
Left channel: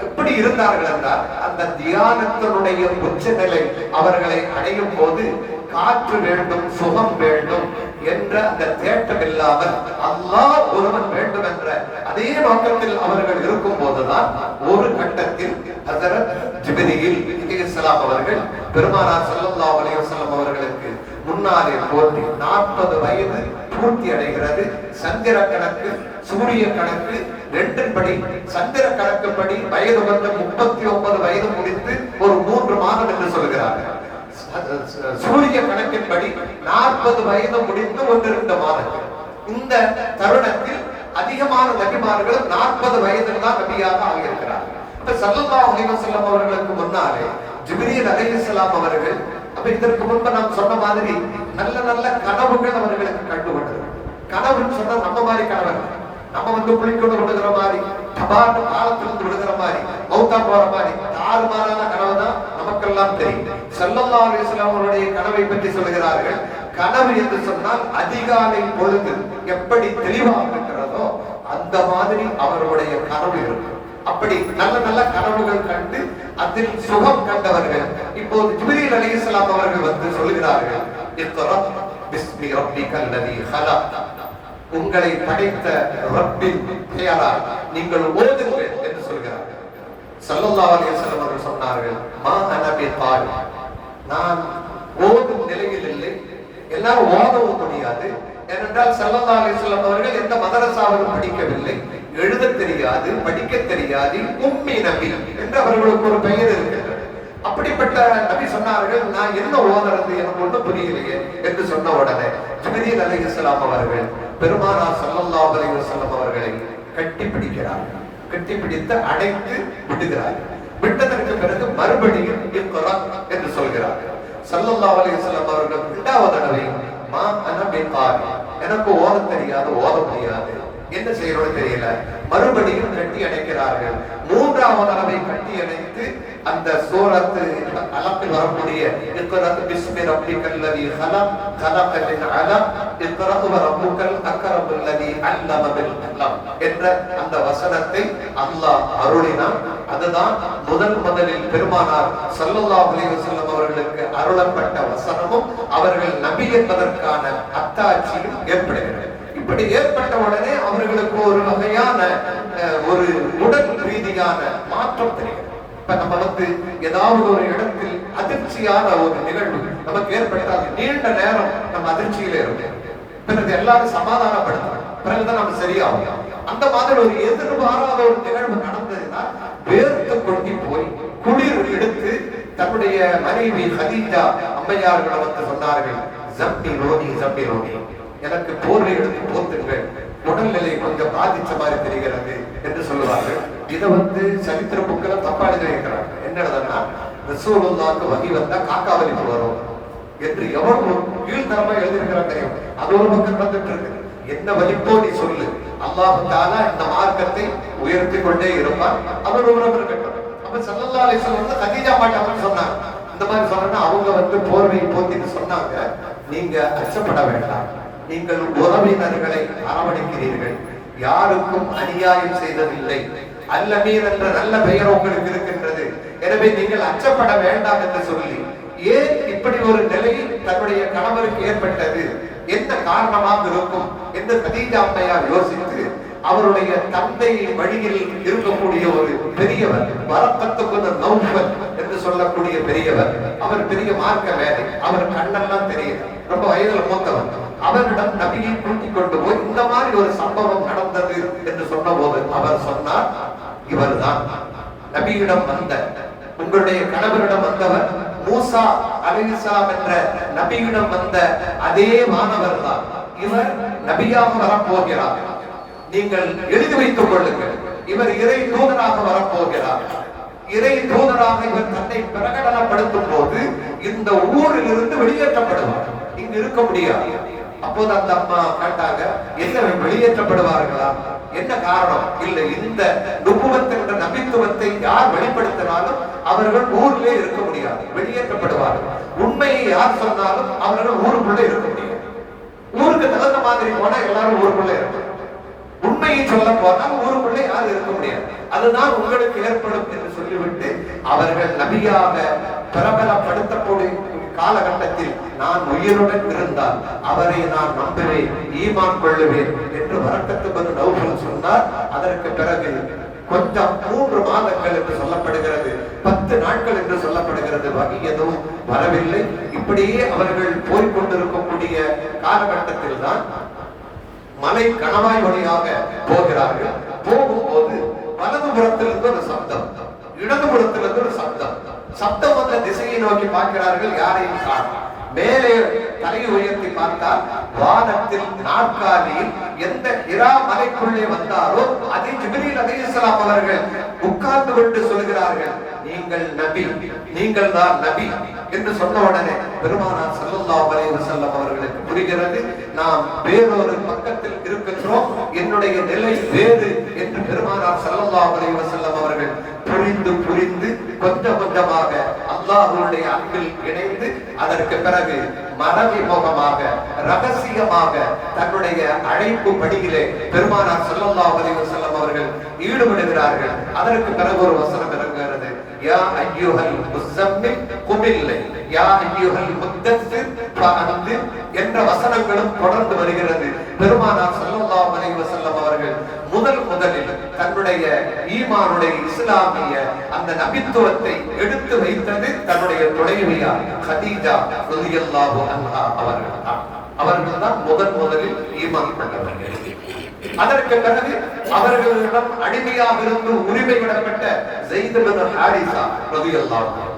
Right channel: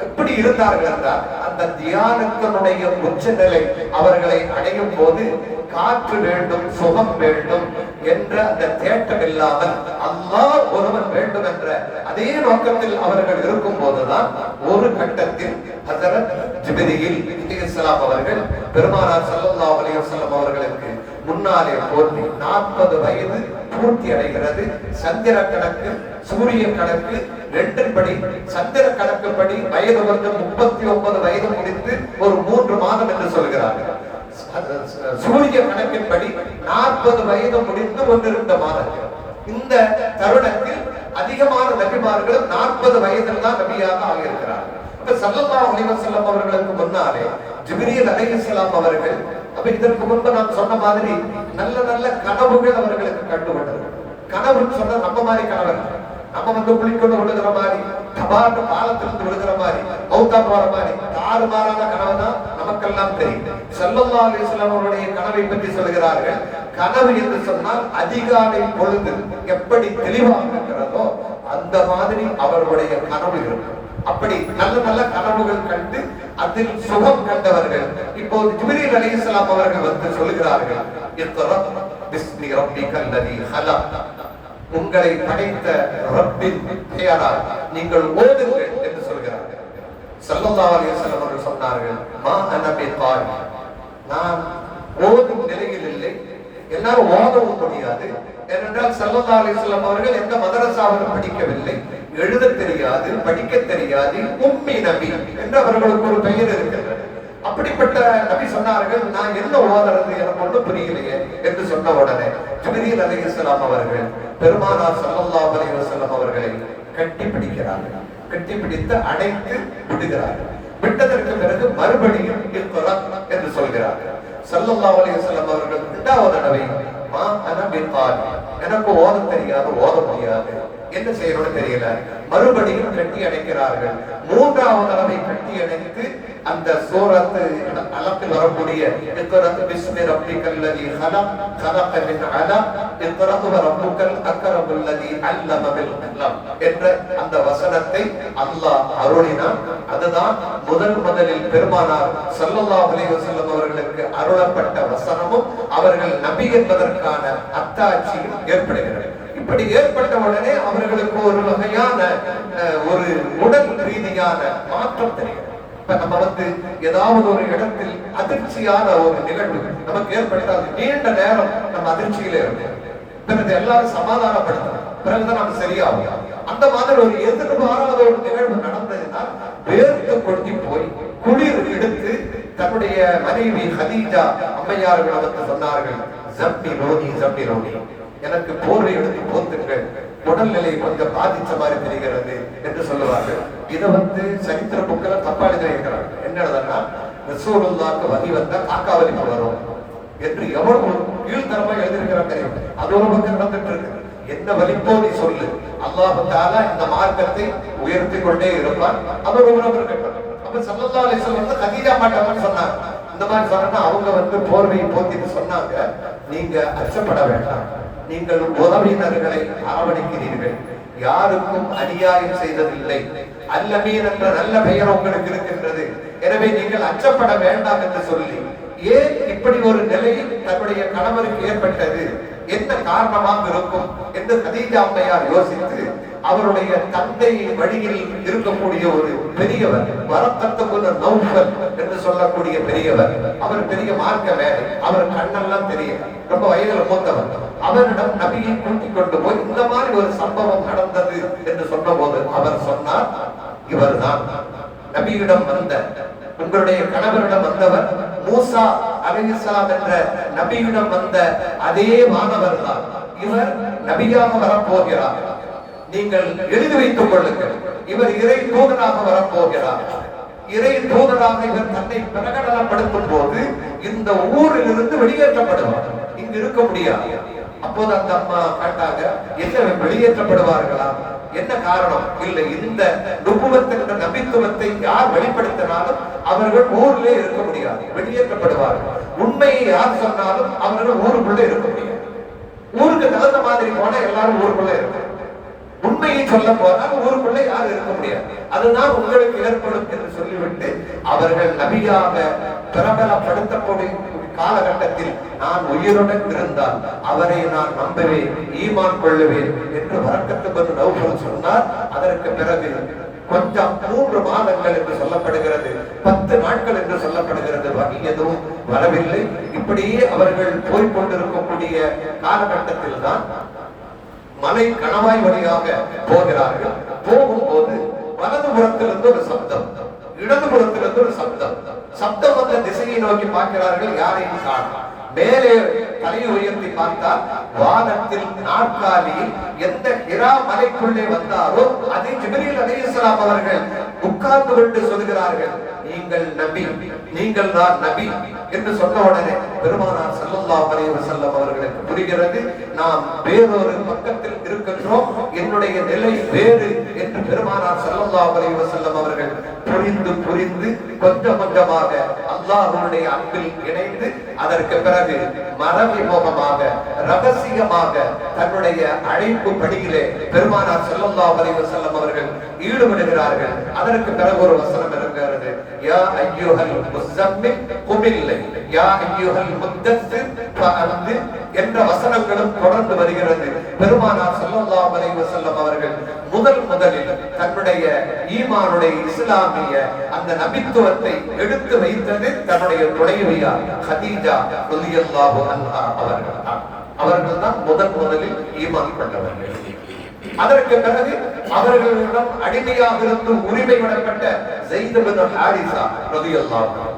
எப்படி இருந்தார்கள் என்றால், அந்த தியானத்தினுடைய உச்ச நிலை அவர்களை அடையும் போது காற்று வேண்டும், சுகம் வேண்டும் என்ற அந்த தேட்டம் இல்லாமல் அல்லாஹ் ஒருவன் வேண்டும் என்ற அதே நோக்கத்தில் அவர்கள் இருக்கும் போதுதான் ஒரு கட்டத்தில் ஹஜ்ரத் ஜிப்ரீல் அலைஹிஸ்ஸலாம் அவர்கள் பெருமானார் ஸல்லல்லாஹு அலைஹி வஸல்லம் அவர்களுக்கு முன்னாலே தோன்றி 40 வயது பூர்த்தி அடைகிறது. சந்திர கணக்கு சூரிய கணக்கு ரெண்டின்படி, சந்திர கணக்குப்படி வயது 39 வயது முடித்து ஒரு 3 மாதம் என்று சொல்கிறார்கள். சூரிய கணக்கின்படி 40 வயது முடிந்து 1-2 மாதங்கள். இந்த தருணத்தில் அதிகமான நபிமார்கள் 40 வயதில் தான் நபியாக ஆகியிருக்கிறார்கள். அப்ப ஸல்லல்லாஹு அலைஹி வஸல்லம் அவர்களுக்கு முன்னாலே ஜிப்ரீல் அலைஹிஸ்ஸலாம் அவர்கள், அப்ப இதற்கு முன்பு நாம் சொன்ன மாதிரி நல்ல நல்ல கனவுகள் அவர்களுக்கு கண்டுவிட்டது. கனவுன்னு சொன்னா நம்ம மாதிரி கனவு, நம்ம குளிக்கொண்டு விழுகிற மாதிரி, தபாட்டு பாலத்திலிருந்து விழுகிற மாதிரி, மௌத்தா போற மாதிரி தாறுமாறான கனவு தான் நமக்கெல்லாம் தெரியும். ஸல்லல்லாஹு அலைஹி வஸல்லம் அவருடைய கனவை பற்றி சொல்கிறார்கள். கனவு என்று சொன்னால் அதிகாலை பொழுது எப்படி தெளிவாக இருக்கிறதோ அந்த மாதிரி அவர்களுடைய கனவு இருக்கும். அப்படி நல்ல நல்ல கனவுகள் கண்டு அதில் சுகம் கண்டவர்கள் இப்போது ஜிப்ரீல் அலைஹிஸ்ஸலாம் அவர்கள் சொல்கிறார்கள், இக்ரா பிஸ்மி ரப்பிக்கல் லதீ ஹலக், உங்களை படைத்த ரப்பின் பெயரால் நீங்கள் ஓதுங்கள் என்று சொல்கிறார்கள். ஸல்லல்லாஹு அலைஹி வஸல்லம் அவர்கள் சொன்னார்கள், மா அன பிதாலி, நான் ஓதும் நிலையில் இல்லை. எல்லாரும் ஓதவும் முடியாது. ஏனென்றால் ஸல்லல்லாஹு அலைஹி வஸல்லம் அவர்கள் எந்த மதரசாவிலும் படிக்கவில்லை, எழுத தெரியாது, படிக்க தெரியாது, உம்மி நபி என்று அவர்களுக்கு ஒரு பெயர் இருக்கிறது. அப்படிப்பட்ட நபி சொன்னார்கள், நான் என்ன ஓதுறது, எனக்கு ஒன்றும் புரியலையே என்று சொன்ன உடனே ஜிப்ரீல் அலைஹிஸ்ஸலாம் அவர்கள் பெருமானார் ஸல்லல்லாஹு அலைஹி வஸல்லம் அவர்களை கட்டி பிடிக்கிறார்கள். கட்டி பிடித்து அணைத்து விடுகிறார்கள். விட்டதற்கு பிறகு மறுபடியும் இக்ரா என்று சொல்கிறார்கள். ஸல்லல்லாஹு அலைஹி வஸல்லம் அவர்கள் 2வது தடவை மா அன பிதாலி, எனக்கு ஓத தெரியாது, ஓத முடியாது, என்ன செய்யறோம் தெரியல, மறுபடியும் கட்டி அணைக்கிறார்கள். 3வது தடவை கட்டி அணைத்து அந்த சூரத்து அலத்தில் வரக்கூடிய இக்ரா பிஸ்மி ரப்பிக்கல் லதீ ஹலக் ஹலக மின் அலக் இக்ரா வ ரப்புக்கல் அக்ரமுல் லதீ அல்லம பில் கலம் என்ற அந்த வசனத்தை அல்லாஹ் அருளினான். அதுதான் முதலில் பெருமானார் ஸல்லல்லாஹு அலைஹி வஸல்லம் அவர்களுக்கு அருளப்பட்ட வசனமும் அவர்கள் நபி என்பதற்கான அத்தாட்சியும் ஏற்படுகிறது. இப்படி ஏற்பட்ட உடனே அவர்களுக்கு ஒரு வகையான ஒரு உடல் ரீதியான மாற்றம் தெரிகிறது. இப்ப நம்ம ஏதாவது ஒரு இடத்தில் அதிர்ச்சியான ஒரு நிகழ்வு நமக்கு ஏற்பட்டால் நீண்ட நேரம் நம்ம அதிர்ச்சியில இருக்கோம். பிறகு எல்லாரும் சமாதானப்படுத்தணும், பிறகுதான் நம்ம சரியாகும். அந்த மாதிரி ஒரு எதிர்பாராத ஒரு நிகழ்வு நடந்ததுனால் வேர்த்து கொட்டி போய் குளிர் எடுத்து தன்னுடைய மனைவி கதீஜா அம்மையார்கள் சொன்னார்கள், ஜம்பி ரோனி, எனக்கு போர்வை எடுத்து போத்துங்கள், உடல்நிலை கொஞ்சம் பாதிச்ச மாதிரி தெரிகிறது என்று சொல்லுவார்கள். இதை சரித்திர புக்களை தப்பா எழுதியிருக்கிறாங்க. என்ன எழுதுனா, ரசூலுல்லாஹ்க்கு வகி வந்தா காக்கா வலிப்பு வரும் என்று எவ்வளவு கீழ்த்தரமா எழுதியிருக்கிறாங்க. அது ஒரு பக்கம் நடந்துட்டு இருக்கு. என்ன வலிப்போ நீ சொல்லு, அல்லாஹ் தஆலா இந்த மார்க்கத்தை உயர்த்தி கொண்டே இருப்பான். அவர் ஒரு இருக்கட்டும். அப்ப ஸல்லல்லாஹு அலைஹி வஸல்லம் கதீஜா மாட்டாங்கன்னு சொன்னாங்க. இந்த மாதிரி சொன்னா அவங்க போர்வை போத்திட்டு சொன்னாங்க, நீங்க அச்சப்பட வேண்டாம், நீங்கள் உறவினர்களை அரவணைக்கிறீர்கள், யாருக்கும் அநியாயம் செய்ததில்லை, அல்லமீன் என்ற நல்ல பெயர் உங்களுக்கு இருக்கின்றது, எனவே நீங்கள் அச்சப்பட வேண்டாம் என்று சொல்லி, ஏன் இப்படி ஒரு நிலை தன்னுடைய கணவருக்கு ஏற்பட்டது, என்ன காரணமாக இருக்கும் என்று கதீஜா அம்மையார் யோசித்து, அவருடைய தந்தை வழியில் இருக்கக்கூடிய ஒரு பெரியவர், வரக்கத்துக்கு நௌஃபல் என்று சொல்லக்கூடிய பெரியவர், அவர் பெரிய மார்க்க வேலை, அவர் கண்ணெல்லாம் தெரியும், ரொம்ப வயதுல மூத்தவர், அவரிடம் நபியை கூட்டிக் கொண்டு போய் இந்த மாதிரி ஒரு சம்பவம் நடந்தது என்று சொன்ன போது அவர் சொன்னார், இவர்தான் நபியிடம் வந்த, உங்களுடைய கணவரிடம் வந்தவர் மூசா அலைஹிஸ்ஸலாம் என்ற நபியிடம் வந்த அதே மாணவர் தான், இவர் நபியாக வரப்போகிறார், நீங்கள் எழுதி வைத்துக் கொள்ளுங்கள், இவர் இறை தூதராக வரப்போகிறார். இறை தூதராக இவர் தன்னை பிரகடனப்படுத்தும் போது இந்த ஊரில் இருந்து வெளியேற்றப்படுவார், இங்கு இருக்க முடியாது. அப்போது அந்த அம்மா கேட்டாங்க, என்ன வெளியேற்றப்படுவார்களா, என்ன காரணம்? இல்லை, இந்த நுபுவத் என்ற நபித்துவத்தை யார் வெளிப்படுத்தினாலும் அவர்கள் ஊரிலே இருக்க முடியாது, வெளியேற்றப்படுவார்கள். உண்மையை யார் சொன்னாலும் அவர்கள் ஊருக்குள்ளே இருக்க முடியாது. ஊருக்கு தகுந்த மாதிரி போனா எல்லாரும் ஊருக்குள்ளே இருக்கும், உண்மையை சொல்ல போனால் ஊருக்குள்ளே யாரும் இருக்க முடியாது, அதுதான் உங்களுக்கு ஏற்படும் என்று சொல்லிவிட்டு அவர்கள் நபியாக பிரபலப்படுத்தக்கூடிய காலகட்டத்தில் நான் உயிருடன் இருந்தால் அவரை நான் நம்புவேன், ஈமான் கொள்ளுவேன் என்று வரக்கத்துக்கு நௌஃபல் சொன்னார். அதற்கு பிறகு கொஞ்சம் 3 மாதங்கள் என்று சொல்லப்படுகிறது, 10 நாட்கள் என்று சொல்லப்படுகிறது, வகி எதுவும் வரவில்லை. இப்படியே அவர்கள் போய்கொண்டிருக்கக்கூடிய காலகட்டத்தில் தான் மலை கணவாய் வழியாக போகிறார்கள். போகும்போது வலதுபுறத்திலிருந்து ஒரு சப்தம், இடதுபுறத்திலிருந்து ஒரு சப்தம். சப்தம் வந்த திசையை நோக்கி பார்க்கிறார்கள், யாரையும் காணோம். மேலே தலை உயர்த்தி பார்த்தால் வானத்தில் நாற்காலியில் எந்த ஹிரா மலைக்குள்ளே வந்தாரோ அதை ஜிப்ரீல் அலைஹிஸ்ஸலாம் அவர்கள் உட்கார்ந்து கொண்டு சொல்கிறார்கள், நீங்கள் நபி, நீங்கள் தான் நபி என்று சொன்ன உடனே பெருமானார் ஸல்லல்லாஹு அலைஹி வஸல்லம் அவர்களுக்கு புரிகிறது, நாம் வேறொரு பக்கத்தில் இருக்கின்றோம், என்னுடைய நிலை வேறு என்று பெருமானார் ஸல்லல்லாஹு அலைஹி வஸல்லம் அவர்கள் புரிந்து கொஞ்சம் கொஞ்சமாக அல்லாஹ்வுடைய அன்பில் இணைந்து அதற்கு பிறகு மறைமுகமாக ரகசியமாக தன்னுடைய அழைப்பு பணியிலே பெருமானார் ஸல்லல்லாஹு அலைஹி வஸல்லம் அவர்கள் ஈடுபடுகிறார்கள். அதற்கு பிறகு ஒரு வசனம் இறங்குகிறது, யா அய்யுஹல் முஸம்மில் குமில் யா அய்யுஹல் முத்தஸ்ஸிர் ஃபஅன்திர் என்ற வசனங்களும் தொடர்ந்து வருகிறது. பெருமானார் ஸல்லல்லாஹு அலைஹி வஸல்லம் அவர்கள் முதலில் தன்னுடைய ஈமானுடைய இஸ்லாமிய அந்த நபித்துவத்தை எடுத்து வைத்தது தன்னுடைய துணைவியார் கதீஜா ரலியல்லாஹு அன்ஹா அவர்கள் தான் முதலில் ஈமான் கொண்டவர்கள். அதற்கு பிறகு அவர்களிடம் அடிமையாக இருந்து உரிமை விடப்பட்ட ஸைத் இப்னு ஹாரிஸா ரலியல்லாஹு அன்ஹு,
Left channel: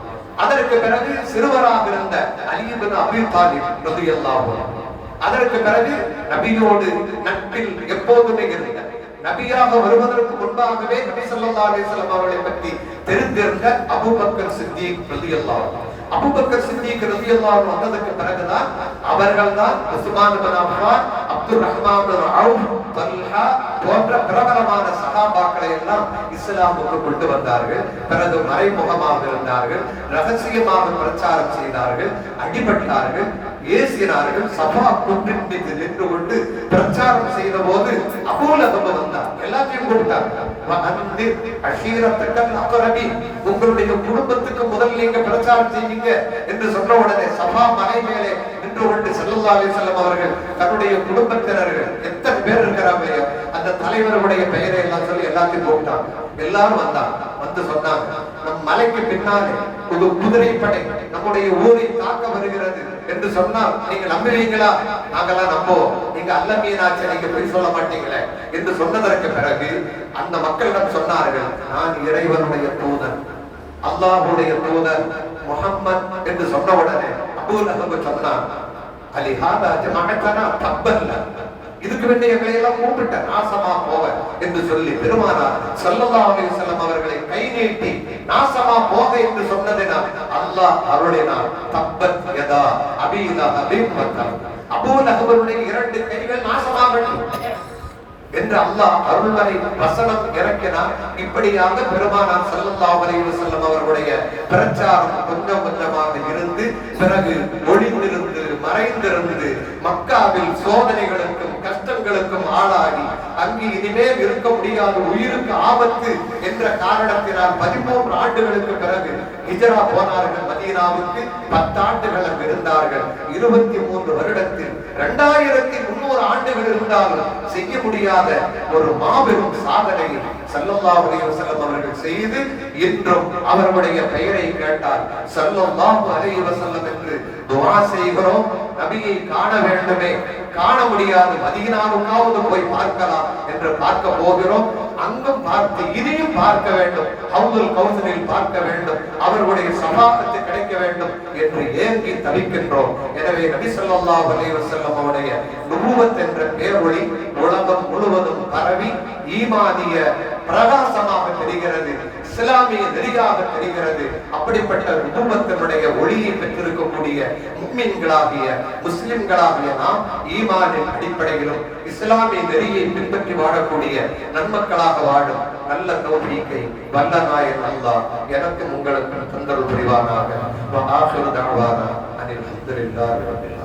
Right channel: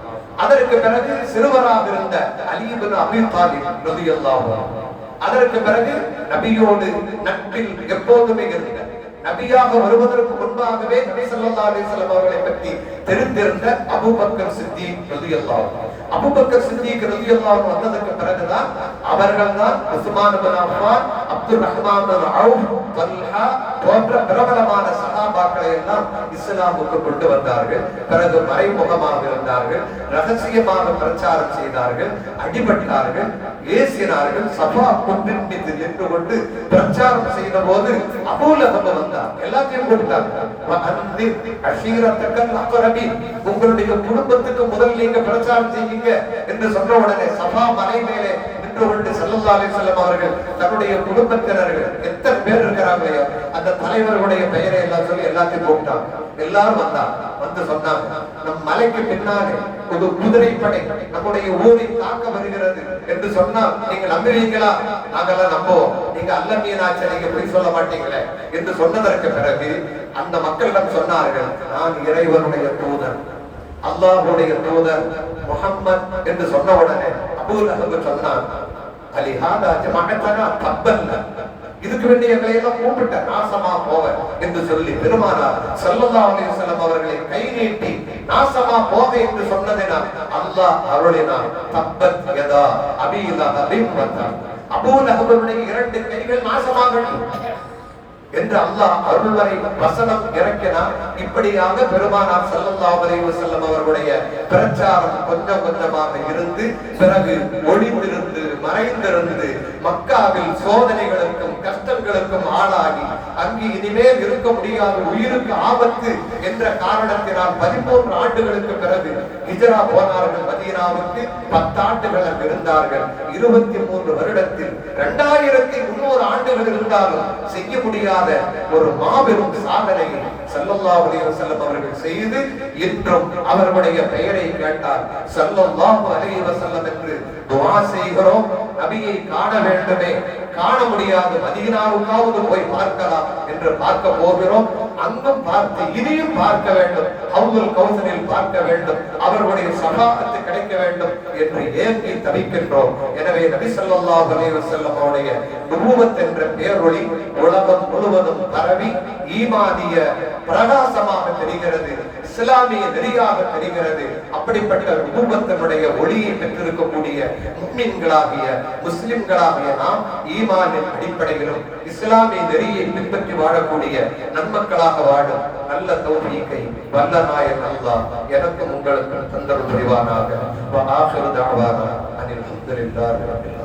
அதற்கு பிறகு சிறுவராக இருந்த அலி இப்னு அபீ தாலிப் ரலியல்லாஹு அன்ஹு, அதற்கு பிறகு நபியோடு நட்பில் எப்போதுமே இருந்த, நபியாக வருவதற்கு முன்பாகவே நபி ஸல்லல்லாஹு அலைஹி வஸல்லம் அவர்களை பற்றி தெரிந்திருந்த அபூபக்கர் சித்திக் ரலியல்லாஹு அன்ஹு. அபூபக்கர் சித்திக் ரலியல்லாஹு அன்ஹு வந்ததற்கு பிறகுதான் அவர்கள்தான் உஸ்மான் இப்னு அஃபான், அப்துர் ரஹ்மான் இப்னு அவுஃப், தல்ஹா போன்ற பிரபலமான சஹாபாக்களை எல்லாம் இஸ்லாமுக்கு கொண்டு வந்தார்கள். பிறகு மறைமுகமாக இருந்தார்கள், ரகசியமாக பிரச்சாரம் செய்தார்கள், அடிபட்டார்கள், ஏசினார்கள். சபா குன்றின் மீது நின்று கொண்டு பிரச்சாரம் செய்த போது அபூ லஹப் வந்தார், எல்லாத்தையும் கொடுத்தாங்க. உங்களுடைய குடும்பத்துக்கு முதல் நீங்க பிரச்சாரம் செய்வீங்க என்று சொன்ன உடனே சபா மலை மேலே நின்று கொண்டு ஸல்லல்லாஹு அலைஹி வஸல்லம் அவர்கள் தன்னுடைய குடும்பத்தினர்கள் எத்தனை பேர் இருக்கிறாங்களோ அந்த தலைவர்களுடைய பெயரை எல்லாம் சொல்லி எல்லாத்தையும் போட்டாங்க. எல்லாரும் வந்தாங்க, வந்து சொன்னாங்க, நம் மலைக்கு பின்னாலே ஒரு குதிரைப்படை நம்முடைய ஊரை தாக்க வருகிறது என்று சொன்னால் நீங்க நம்புவீங்களா? நாங்கெல்லாம் நம்புவோம், நீங்க அல்லமீனாச்ச நீங்க போய் சொல்ல மாட்டீங்களே என்று சொன்னதற்கு பிறகு அந்த மக்களிடம் சொன்னார்கள், நான் இறைவனுடைய தூதர், அல்லாஹ்வுடைய தூதர் முஹம்மத் என்று சொன்ன உடனே அபூ லஹப் சொன்னார், அலிஹாதா ஜமஅத்தனா தப்பல்ல, இதுக்கு வேண்டிய எங்களை எல்லாம் கூப்பிட்ட நாசமா போக என்று சொல்லி பெருமானார் ஸல்லல்லாஹு அலைஹி வஸல்லம் அவர்களை கை நீட்டி நாசமா போக என்று சொன்னதினால் அல்லாஹ் அருளினார். தப்பத் யதா அபீ லஹபின் வதப், அபூ லஹபுடைய 2 கைகள் நாசமாகட்டும் என்று அல்லாஹ் அருள்வரை வசனம் இறக்கினார். இப்படியாக பெருமானார் ஸல்லல்லாஹு அலைஹி வஸல்லம் அவர்களுடைய பிரச்சாரம் கொஞ்சம் கொஞ்சமாக இருந்து பிறகு ஒளிந்திருந்து மறைந்திருந்து மக்காவில் சோதனைகளுக்கும் கஷ்டங்களுக்கும் ஆளாகி அங்கு இனிமேல் இருக்க முடியாத உயிருக்கு ஆபத்து என்ற காரணத்தினால் 13 ஆண்டுகளுக்கு பிறகு ஹிஜ்ரா போனார்கள் மதீனாவுக்கு. 10 ஆண்டுகள் அங்கு இருந்தார்கள். 23 வருடத்தில் 2300 ஆண்டுகள் இருந்தாலும் செய்ய முடியாத ஒரு மாபெரும் சாதனையை ஸல்லல்லாஹு அலைஹி வஸல்லம் அவர்கள் செய்து இன்றும் அவர்களுடைய பெயரை கேட்டால் ஸல்லல்லாஹு அலைஹி வஸல்லம் என்று துஆ செய்கிறோம். நபியை காண வேண்டுமே, காண முடியாது, மதீனாவுக்காவது போய் பார்க்கலாம் என்று பார்க்க போகிறோம். அங்கும் பார்த்து இனியும் பார்க்க வேண்டும், ஹவுதுல் கௌசரில் பார்க்க வேண்டும், அவர்களுடைய ஷஃபாஅத் கிடைக்க வேண்டும் என்று ஏங்கி தவிக்கின்றோம். எனவே நபி ஸல்லல்லாஹு அலைஹி வஸல்லம் அவருடைய நுபுவத் என்ற பேரொளி உலகம் முழுவதும் பரவி ஈமானிய பிரகாசமாக தெரிகிறது, இஸ்லாமிய நெறியாக தெரிகிறது. அப்படிப்பட்ட நுபுவத்தினுடைய ஒளியை பெற்றிருக்கக்கூடிய முஃமின்களாகிய முஸ்லிம்களாகிய நாம் ஈமானின் அடிப்படையிலும் இஸ்லாமிய நெறியை பின்பற்றி வாழக்கூடிய நன்மக்களாக வாழும் நல்ல தௌஃபீகை வல்ல நாயன் அல்லாஹ் எனக்கும் உங்களுக்கும் தந்தருள் புரிவானாக. வ ஆகிரு தஅவானா அனில் ஹம்துலில்லாஹி ரப்பில்